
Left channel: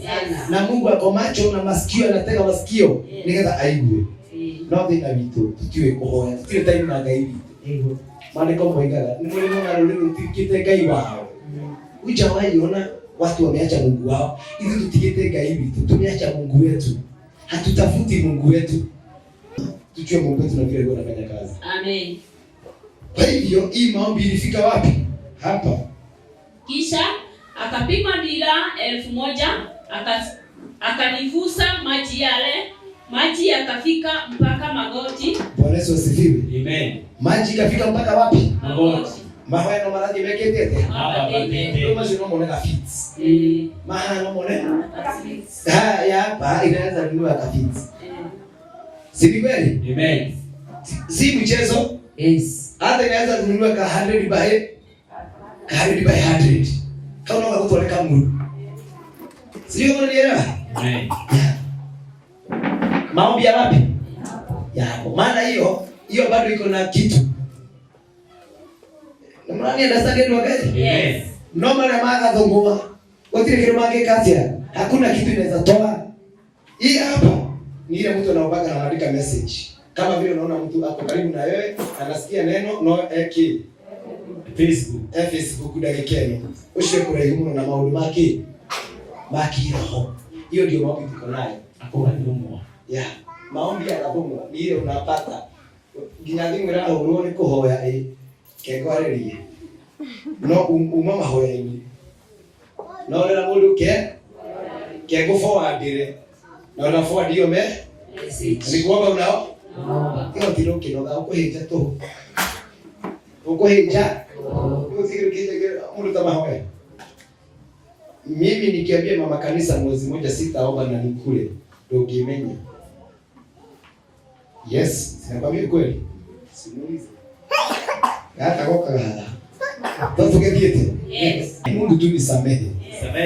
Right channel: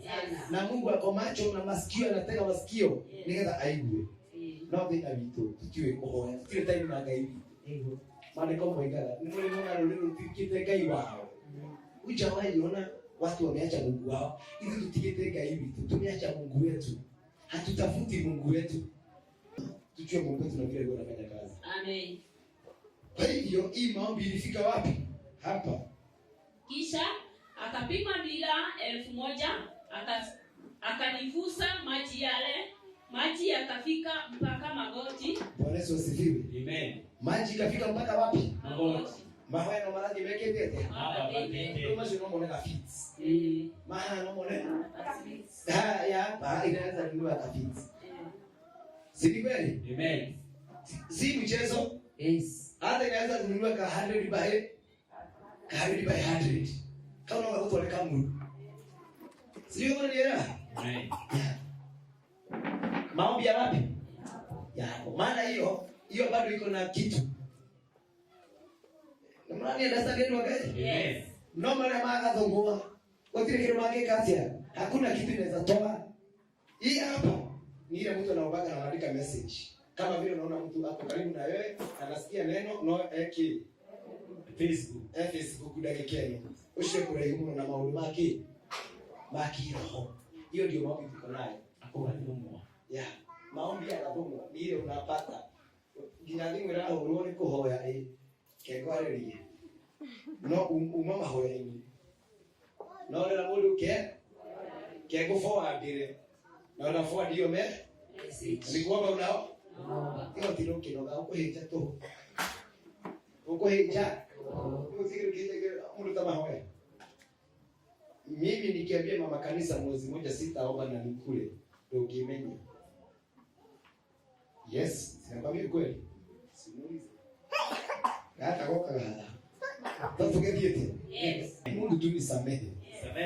Na Mungu ako macho na masikio, anatega masikio nigetha aigue. no thina witũ tutiũĩ kũhoya, tutiũĩ time na Ngai witũ. Maandiko moigaga ni mwalimu na rũrĩrĩ rũtigĩte Ngai wao. Hujawahi ona watu wameacha Mungu wao. Hizi tutigite Ngai witũ, tumeacha Mungu wetu. Hatutafuti Mungu wetu. Tujue Mungu wetu na vile Mungu anafanya kazi. Amen. Kwa hivyo hii maombi ilifika wapi? Hapa. Kisha akapima dira 1000 akanivusa maji yale. Maji yakafika mpaka magoti. Bwana Yesu asifiwe. Amen. Maji yakafika mpaka wapi? Magoti. Mahoya no maradhi meketete. Hapa batete. Ndio mazino moneka fits. Maana no moneka. Fits. Ya hapa inaweza kununua kafits. Si kweli? Amen. Si mchezo? Yes. Hata inaweza kununua ka 100 by 100. Kama unataka kutoleka Mungu. Sio unanielewa? Amen. Maombi ya wapi? Ya hapo. Maana hiyo bado iko na kitu. Mnani understand ndio gani? Yes. Normally maga dhungua. Wotire kile mage katia. Hakuna kitu inaweza toa. Hii hapa ni ile mtu anaobaga na anaandika message. Kama vile unaona mtu ako karibu na wewe, anasikia neno no eki. Facebook dakikeni. Ushwe kuraimu na maundu make. Maki roho. Hiyo ndio maombi tuko nayo. Hapo ndio. Ya. Maombi ya kabungu ni ile unapata. Ginyathi mwira hurwo ni kuhoya kegwarerie. No umama hoya-ini. No rera mundu ke go forward-ire. Na una forward hiyo ni kuomba unao? Hiyo tiro kinoga ukuhinja tu. Ukuhinja. Usikiru kije mundu kama hoya. Mimi nikiambia mama kanisa mwezi mmoja sitaomba na nikule. Ndio kimenya. Yes, sinakwambia kweli. Simulize. Hata koka Tafugediete. Yes. Mungu tu nisamehe.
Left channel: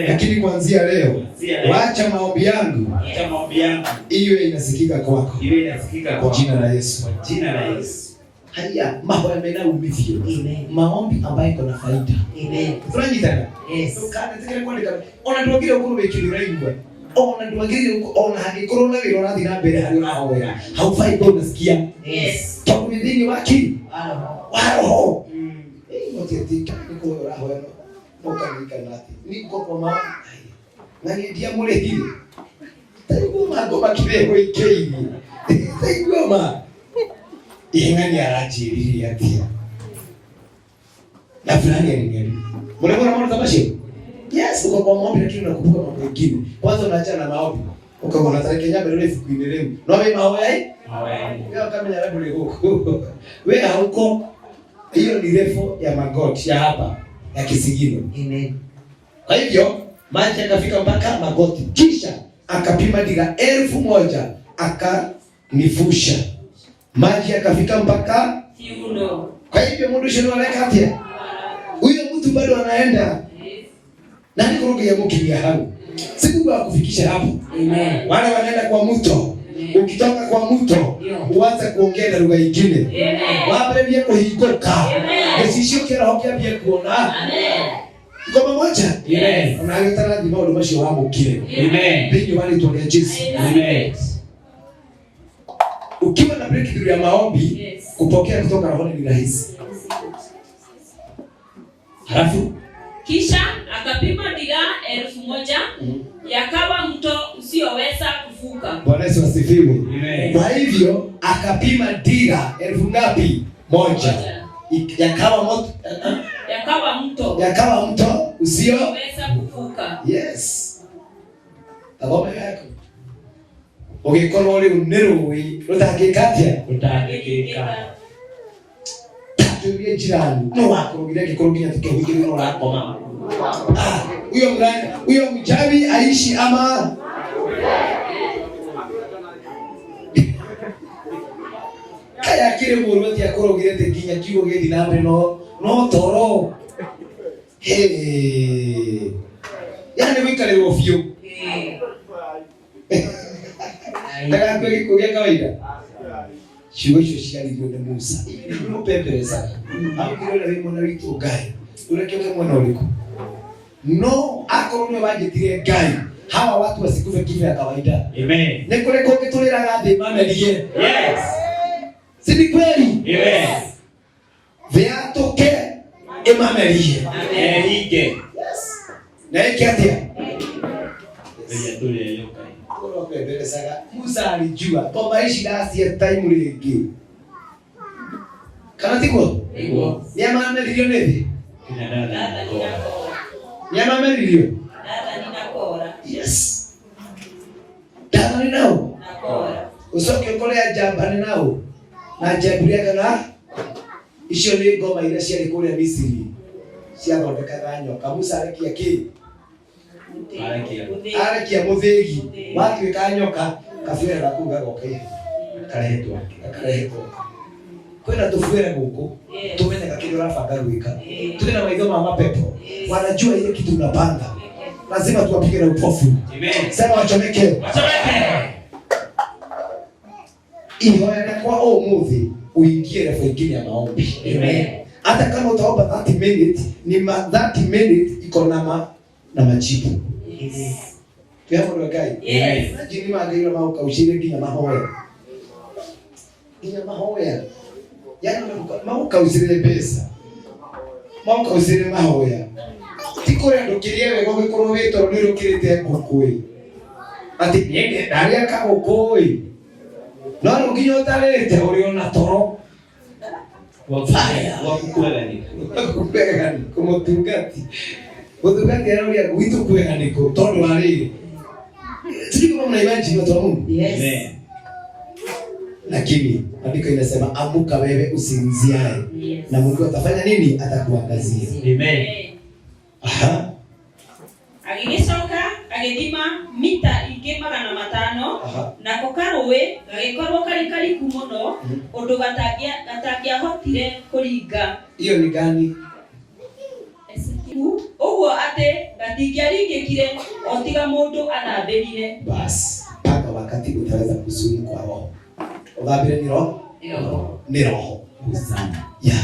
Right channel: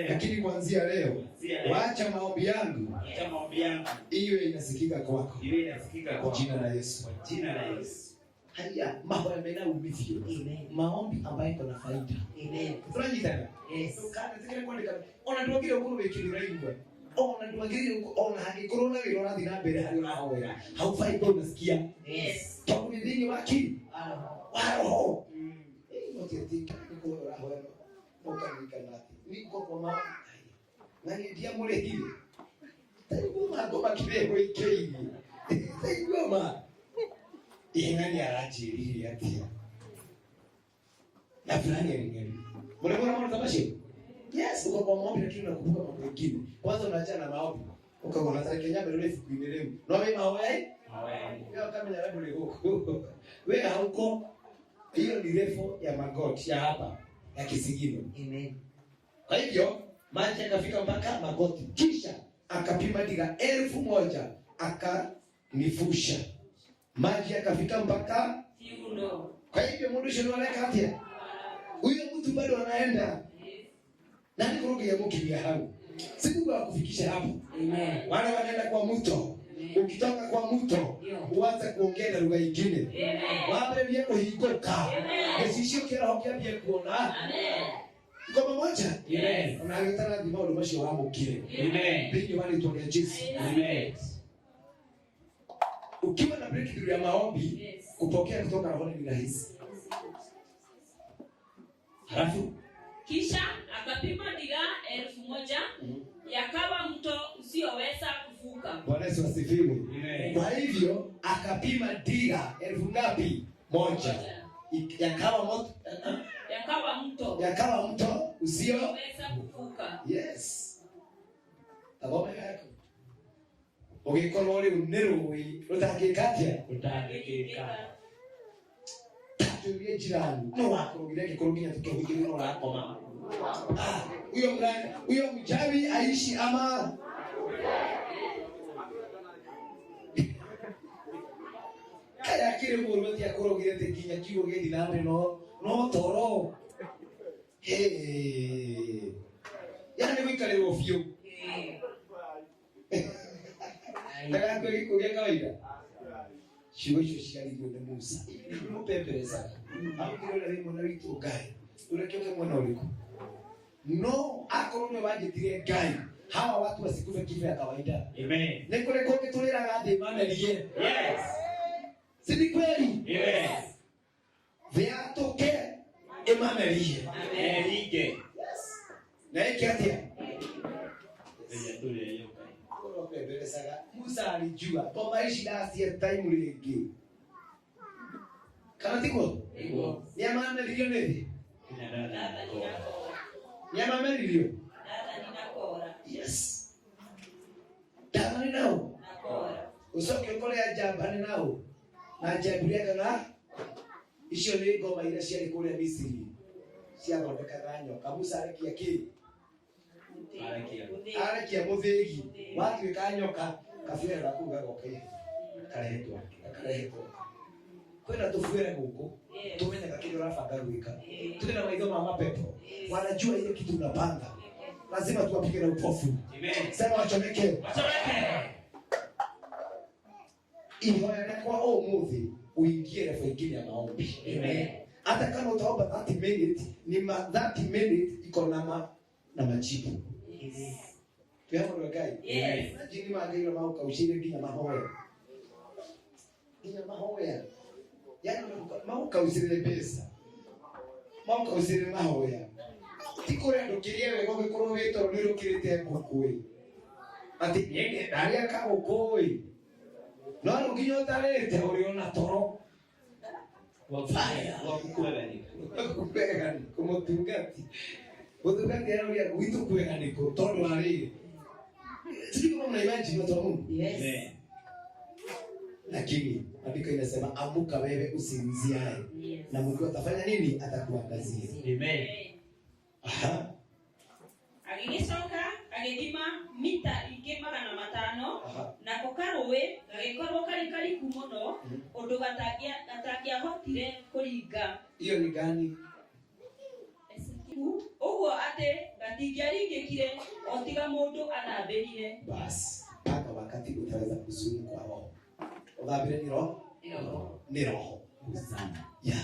Lakini kuanzia leo, waacha maombi yangu. Acha maombi yangu Iwe inasikika kwako. iwe inasikika Kwa jina la Yesu. Kwa jina la Yesu. Haya, mambo yamena umithio. Amen. Maombi ambayo iko na faida. Amen. Tunajitana. Yes. Tukane tikere kwa ndika. Ona tuwagire ukuru wekiri raigwa. Ona tuwagire ona hagikoro na wiro rathi na mbere hari na hoya. Haufai kwa unasikia. Yes. Kwa midini waki. Wao. Otetika niko rahoya no kanika nati. Niko kwa maombi. Nani ndia mule hili. Taigoma ngoma kibego ikeini. Taigoma. Ingani arajiri atia. Na fulani aliniambia. Mbona mbona tabashi? Yes, uko kwa maombi lakini unakumbuka mambo mengine. Kwanza unaacha na maombi. Ukaona tareke nyama ile fukuine leo. No wewe mahoya hii? Mahoya. Wewe kama nyama ndio huko. Wewe hauko. Hiyo ni refu ya magoti ya hapa ya kisigino. Amen. Kwa hivyo maji yakafika mpaka magoti. Kisha akapima dira 1000 akanifusha. Maji yakafika mpaka kiuno. Kwa hivyo mundu shino alekatia. Huyo mtu bado anaenda. Nani kuruge ya mkilia hapo? Siku wa kufikisha hapo. Amen. Wale wanaenda kwa mto. Ukitoka kwa mto uanze kuongea na lugha nyingine. Wape bia kuhikoka. Nesishio kera hokia bia kuona. Amen. Ngoma moja. Amen. Unayotaka ndimo ndo mashi wao kile. Amen. Bingi wale tuone Yesu. Amen. Ukiwa na breakthrough ya maombi, kupokea kutoka rohoni ni rahisi. Halafu kisha akapima dira 1000 yakawa mto usioweza kuvuka. Bwana Yesu asifiwe. Amen. Kwa hivyo akapima dira 1000 ngapi? 1. Yakawa mto usioweza kuvuka. Yes. Tabome yako. Ugikorwo ri uniruwi rutangikatia Utangikika. Tuye jirani. No wakurugire gikoro ginya tukehugire no rakoma. Huyo mchawi aishi ama kaya kire muruti akorogire te ginya kigo gedi nambe no toro. Yani wikale rofio. Daga kwa kikugia kawaida. Shiwe ciari ndio Musa. Ndio pempereza. Au kile wewe mwana witu gai. Unakiona mwana uliko. No akoromwe wangitire gai. hawa watu wasikufe kifo ya kawaida. Amen. Ni kule kwa kitolera gathi mamelie. Yes. Si ni kweli? Amen. Viatoke emamelie. Amen. Ike. Yes. Na ikiatia. Yatule yoka. Kwa kweli sasa Musa alijua kwa maisha dasi ya time legi. Kana tiko? Ego. Ni amamelie nini? Kina dada. Ni amamelie. Dada ninakora. Yes. Dada ni nao. Nakora. Usoke kolea jamba ni nao. Na jamburia kana icio ni ngoma iria ciarĩ kũrĩa Misiri ciathondekaga nyoka. Musa arekia kĩ? Arekia mũthĩgi. Watuĩka nyoka kabuĩra gaku gagoka karehetwo. Kwĩna tũbuĩra gũkũ tũmenyaga kĩrĩa ũrabanga gwĩka. Tũrĩ na maitho ma mapepo wanajua ile kitu unapanga. Lazima tuwapige na upofu. Amen. Sema wachomeke. Wachomeke. Ihoya kwa umuthi uingie refu ingine ya maombi. Amen. Hata kama utaomba 30 minutes ni 30 minutes iko na majibu. Yes. Tuyapo ndo kai. Yes. Jini magairo mauka ushire ginya mahoya. Ginya mahoya. Yaani mauka usire pesa. Mauka usire mahoya. Tikore ndokirie wego gikoro wito ni rukirite ngukui. Ati niende daria ka ngukui. No ruginyo utarete uri ona toro. Wakukwegani kumutungati. Mutungati anarudia kuitu kwegani ko tondo wali. Sisi kama mna imagine watu wa Mungu. Yes. Lakini andiko inasema amuka wewe usinziae. Yes. Na Mungu atafanya nini? Atakuangazia. Amen. Aha. Agigicoka agithima mita ingĩ 500 nako karũĩ gagĩkorwo karĩ kariku mũno ũndũ gatangĩahotire kũringa. Hiyo ni gani? Ũguo atĩ gatingĩaringĩkire o tiga mũndũ athambĩrire. Basi mpaka wakati utaweza kusumu kwa roho. Uthambire ni roho? Ni roho. Ya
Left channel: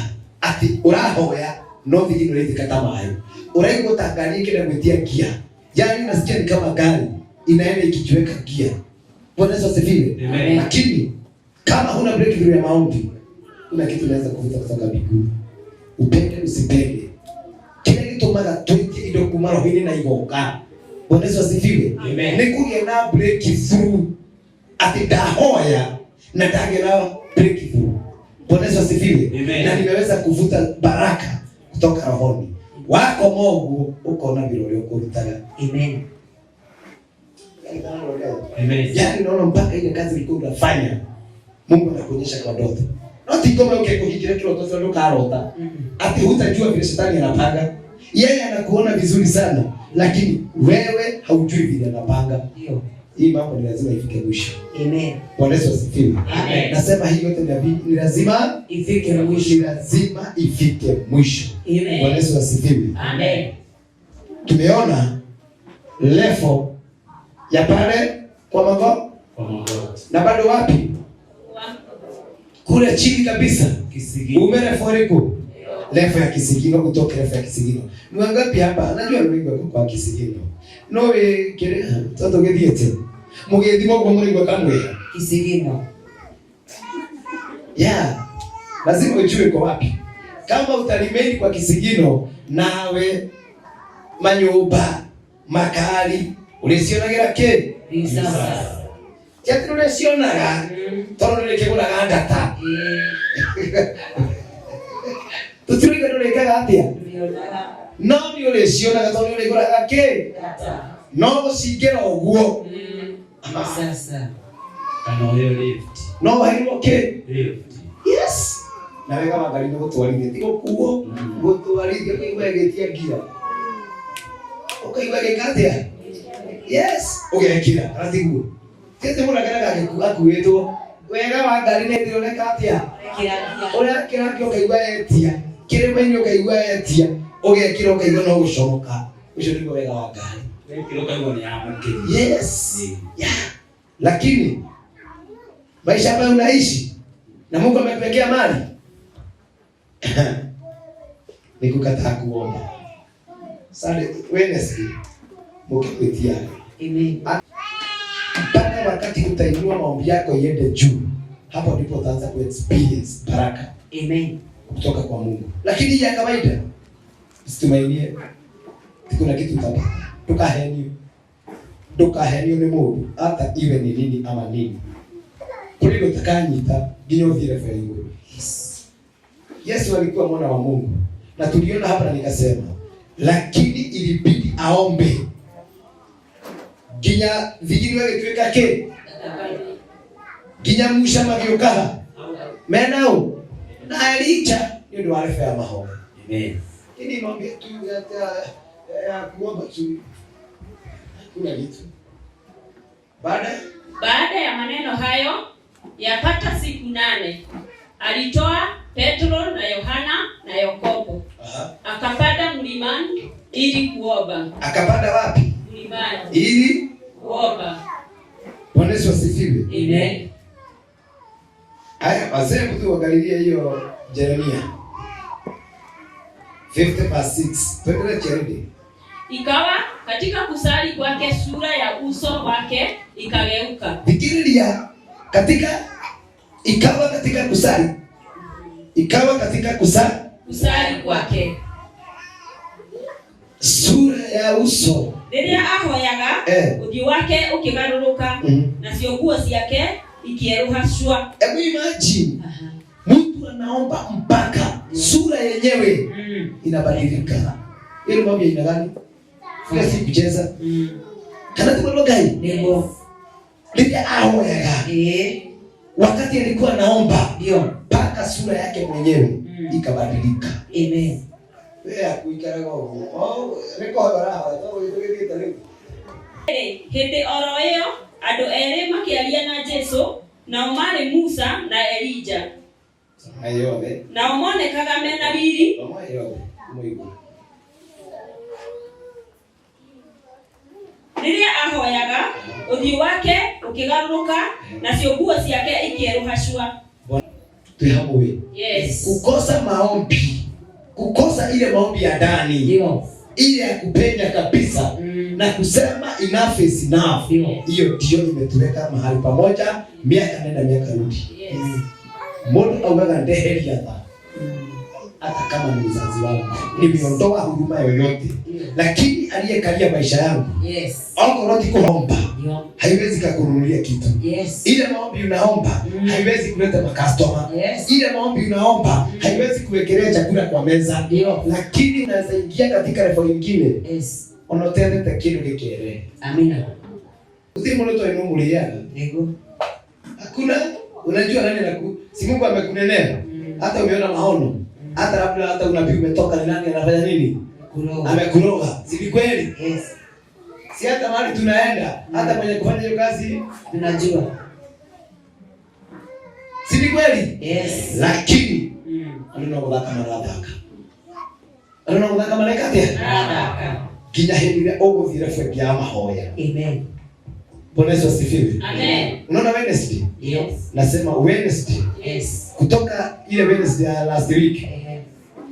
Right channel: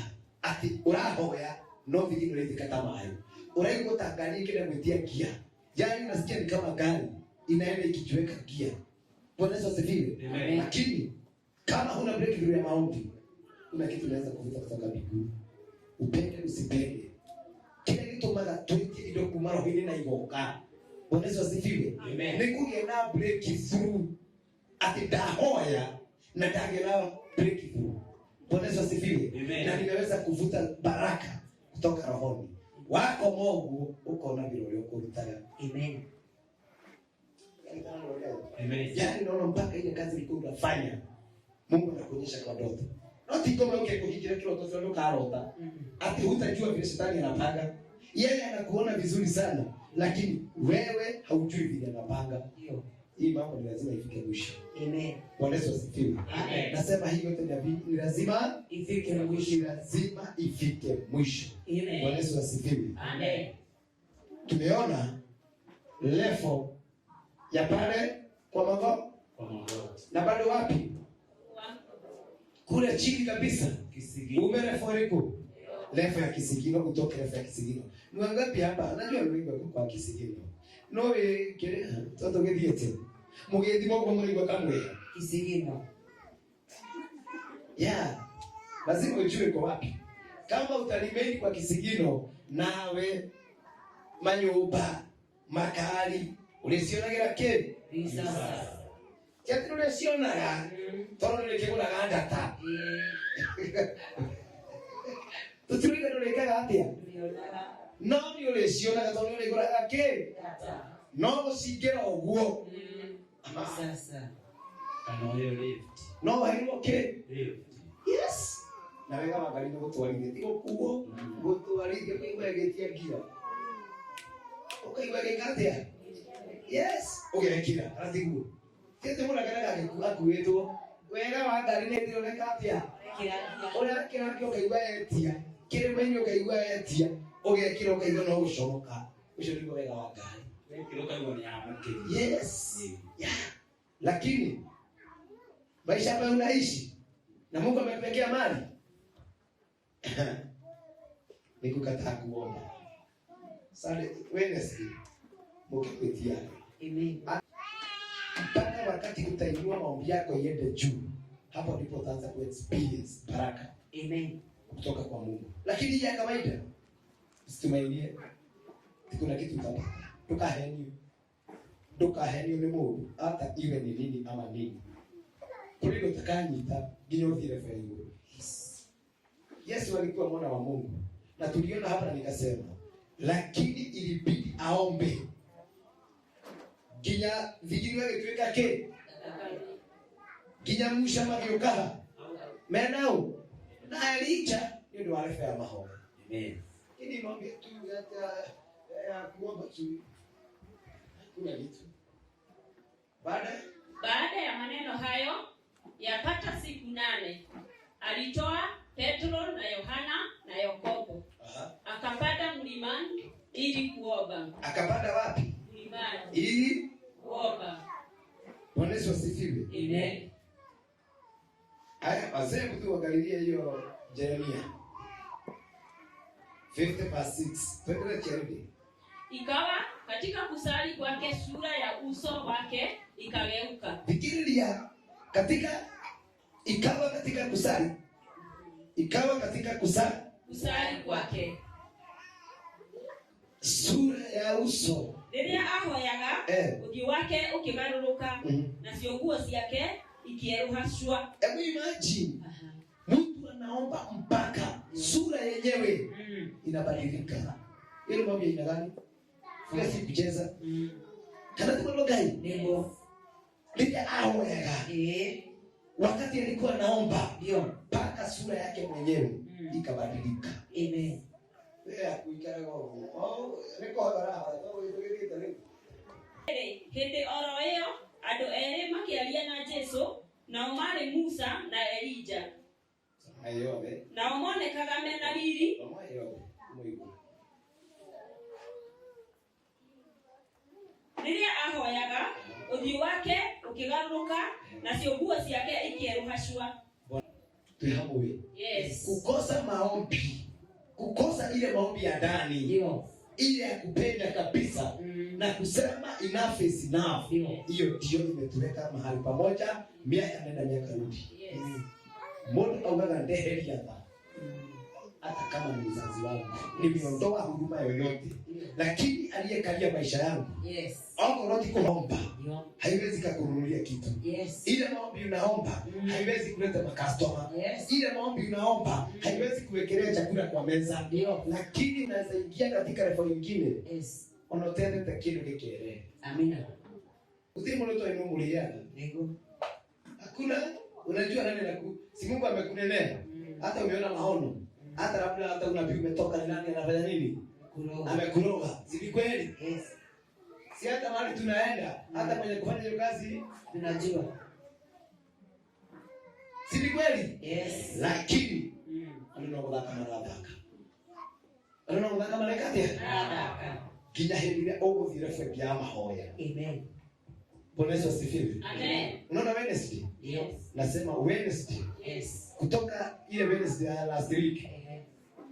ati urahoya no thigino rĩthika ta maĩ. Uraigua tangani kile mwetia gia. Yaani nasikia ni kama gari inaenda ikijiweka gia. Bwana Yesu asifiwe. Lakini kama huna breakthrough ya maombi, kuna kitu unaweza kuvuta kutoka mbinguni. Upende usipende. Kile kitu mara 20 ndio kumara hili na igoka. Bwana Yesu asifiwe. Nikuge na breakthrough. Ati dahoya na dage na breakthrough. Bwana Yesu asifiwe. Na nimeweza kuvuta baraka kutoka rohoni. Wako Mungu uko na birori ukurutaga. Amen. Amen. Yaani naona mpaka ile kazi ilikuwa unafanya Mungu anakuonyesha kwa ndoto. Noti kama ukikujikira kile ndoto ndio karota. Ati hutajua vile shetani anapanga. Yeye anakuona vizuri sana, lakini wewe haujui vile anapanga. Ndio. Hii mambo ni lazima ifike mwisho. Amen. Bwana Yesu asifiwe. Amen. Nasema hii yote ni lazima ifike mwisho. Ni lazima ifike mwisho. Amen. Bwana Yesu asifiwe. Amen. Tumeona level ya pale kwa magoti. Na bado wapi? Kule chini kabisa kisigino. Umereforiko. Level ya kisigino kutoka level ya kisigino. Ni wangapi hapa? Najua ni wengi kwa kisigino. No kile toto gediete. Mugethimo kwa muri kwa kamwe kisigino. Yeah. Lazima ujue kwa wapi. Kama utalimeni kwa kisigino nawe manyumba makali ulisionagira ke? Sasa. Kiatu ulisionaga tono nilikeguraga ndata. Tutulika tulikaga atia. No ni ulisionaga tono nilikeguraga ke? No gucingera uguo. Sasa. Kana hiyo lift. No haimo ke? Lift. Yes. Nawe kama gari ndio tuwalinde tiko kuo. Gutwarithia kuigwa getia gira. Ukaigwa gekatia. Yes. Ugekira aratigu. Tete mura kana akuwetwo. Wega wa ngari nĩ ndĩroneka atĩa? Ũrĩa kĩrangĩ ũkaigua etia. Kĩrĩma-inĩ ũkaigua etia. Ũgekĩra ũkaigua no gũcoka. Ũcio nĩguo wega wa ngari. Yes. Yeah. Lakini maisha ambayo unaishi na Mungu amepekea mali ni kukataa kuomba. Sunday Wednesday mukikwetia Amen. Mpaka wakati utainua maombi yako iende juu, hapo ndipo utaanza ku experience baraka. Amen. Kutoka kwa Mungu. Lakini ya kawaida usitumainie kuna kitu utapata. Tukaheni ni Mungu hata iwe ni nini ama nini. Kuliko utakanyita ginyo vile vile. Yesu alikuwa mwana wa Mungu. Na tuliona hapa na nikasema, lakini ilibidi aombe. Ginya vigini wewe tuweka ke. Ginya musha magiokaha. Menao na Elija ndio wale ya maombi. Amen. Ini maombi tu ya kuomba tu. Kuna kitu. Baada ya maneno hayo yapata siku 8 alitoa Petro na Yohana na Yakobo. Akapanda mlimani ili kuomba. Akapanda wapi? Mlimani. Ili kuomba. Bwana Yesu asifiwe. Amen. Haya, wazee mtu waangalilie hiyo Yeremia 50:6. Twende cheredi. Ikawa katika kusali kwake sura ya uso wake ikageuka. Fikiria ikawa katika kusali. Ikawa katika kusali kwake. Sura ya uso. Rĩrĩa ahoyaga uthi wake ukigarũrũka na cionguo ciake ikieruhashwa. Hebu imagine. Mtu anaomba mpaka sura yenyewe inabadilika. Ile mambo ina gani? Kila siku kucheza. Kana tu gani? Ndio. Rĩrĩa ahoyaga. Wakati alikuwa anaomba ndio mpaka sura yake mwenyewe ikabadilika. Amen. Wewe kuikara go. Reko habara to igirita leo. Hĩndĩ oro ĩyo andũ erĩ makĩaria na Jesũ, nao marĩ Musa na Elija. Ayode. Nao monekaga mena riri. Rĩrĩa ahoyaga uthi wake ukigarũrũka na cionguo ciake ikieruhashwa. Tuhamwe. Yes. Kukosa maombi. Kukosa ile maombi ya ndani. Ndio. Ile ya kupenda kabisa na kusema enough is enough. Hiyo ndio imetuweka mahali pamoja miaka nenda miaka rudi. Yes. Mungu augaga ndeheri hata kama ni mzazi wangu. Nimeondoa huduma yoyote. Lakini aliyekalia maisha yangu. Yes. Alkoroti kuomba. Haiwezi kukununulia kitu. Yes. Ile maombi unaomba haiwezi kuleta makastoma. Yes. Ile maombi unaomba haiwezi kuwekelea chakula kwa meza. Lakini unaweza ingia katika level nyingine. Yes. Unotenda takiru gekere. Amina. Usimu loto ino muliana. Ego. Hakuna unajua nani si Mungu amekunenea. Hata umeona maono. Hata labda hata unabii umetoka ni nani anafanya nini? Amekuroga. Si kweli? Yes. Si hata mahali tunaenda, hata mwenye kufanya hiyo kazi tunajua. Si kweli? Yes. Lakini alinogodaka maradaka. Alinogodaka malaikate. Kinya hili ogo vile fwe ya mahoya. Amen. Bwana Yesu asifiwe. Amen. Unaona Wednesday? Yes. Nasema Wednesday. Yes. Kutoka ile Wednesday ya last week.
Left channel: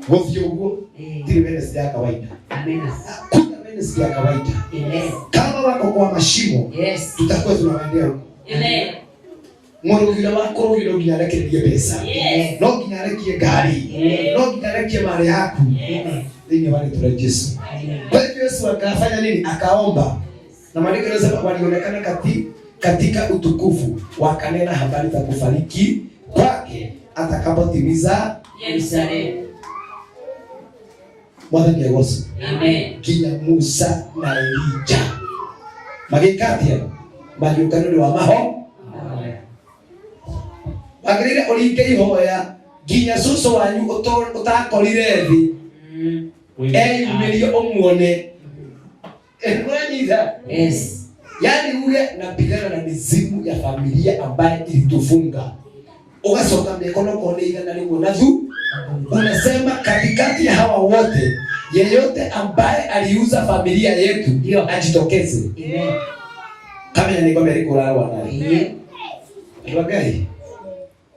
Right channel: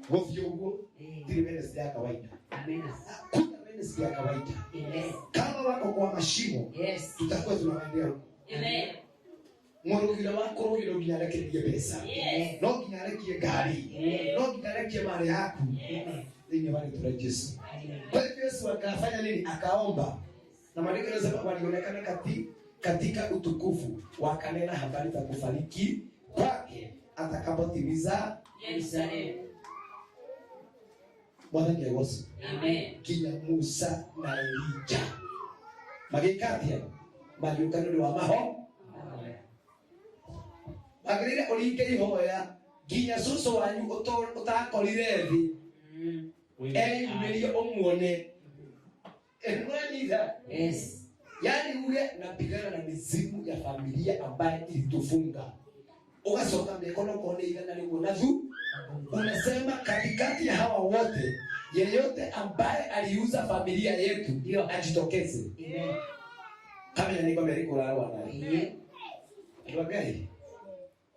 Wofyo huo ile Wednesday ya kawaida. Amen. Kuna Wednesday ya kawaida. Amen. Kama wako kwa mashimo, yes, tutakuwa tunawaendea huko. Amen. Morogiro wako rogiro ginyarekerie pesa. Yes. No ginyarekie gari. No ginyarekie mali yako. Nini wale tuna Yesu. Kwa hivyo Yesu akafanya nini? Akaomba. Na maandiko yanasema walionekana katika utukufu, wakanena habari za kufariki kwake atakapotimiza Yerusalemu. Mwathani Yesu. Amen. Kinya Musa na Elija. Magikatia magĩũkanĩrio wa maho. Wagĩrĩire ũringe ihoya nginya cũcũ wanyu ũtakorire thĩ. Eyumĩrie ũmuone. Yes. Yaani ule napigana na mizimu ya familia ambaye ilitufunga. Ukasoka mikono kwa neiga na limbo nazu. Unasema katikati ya hawa wote yeyote ambaye aliuza familia yetu ndio ajitokeze. Amen. Kama yanigombe alikulala naye. Amen. Tuangalie.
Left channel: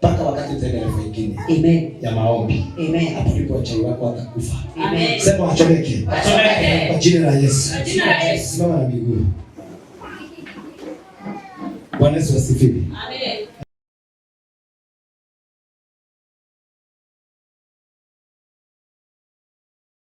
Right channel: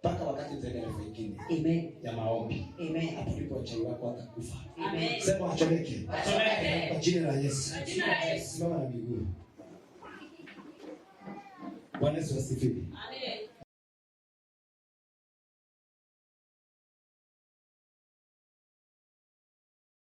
Paka wakati tena nyingine. Amen. Ya maombi. Amen. Hapo ndipo chai wako atakufa. Amen. Sema wachomeke. Wachomeke. Kwa jina la Yesu. Kwa jina la Yesu. Simama na miguu. Bwana Yesu asifiwe. Amen.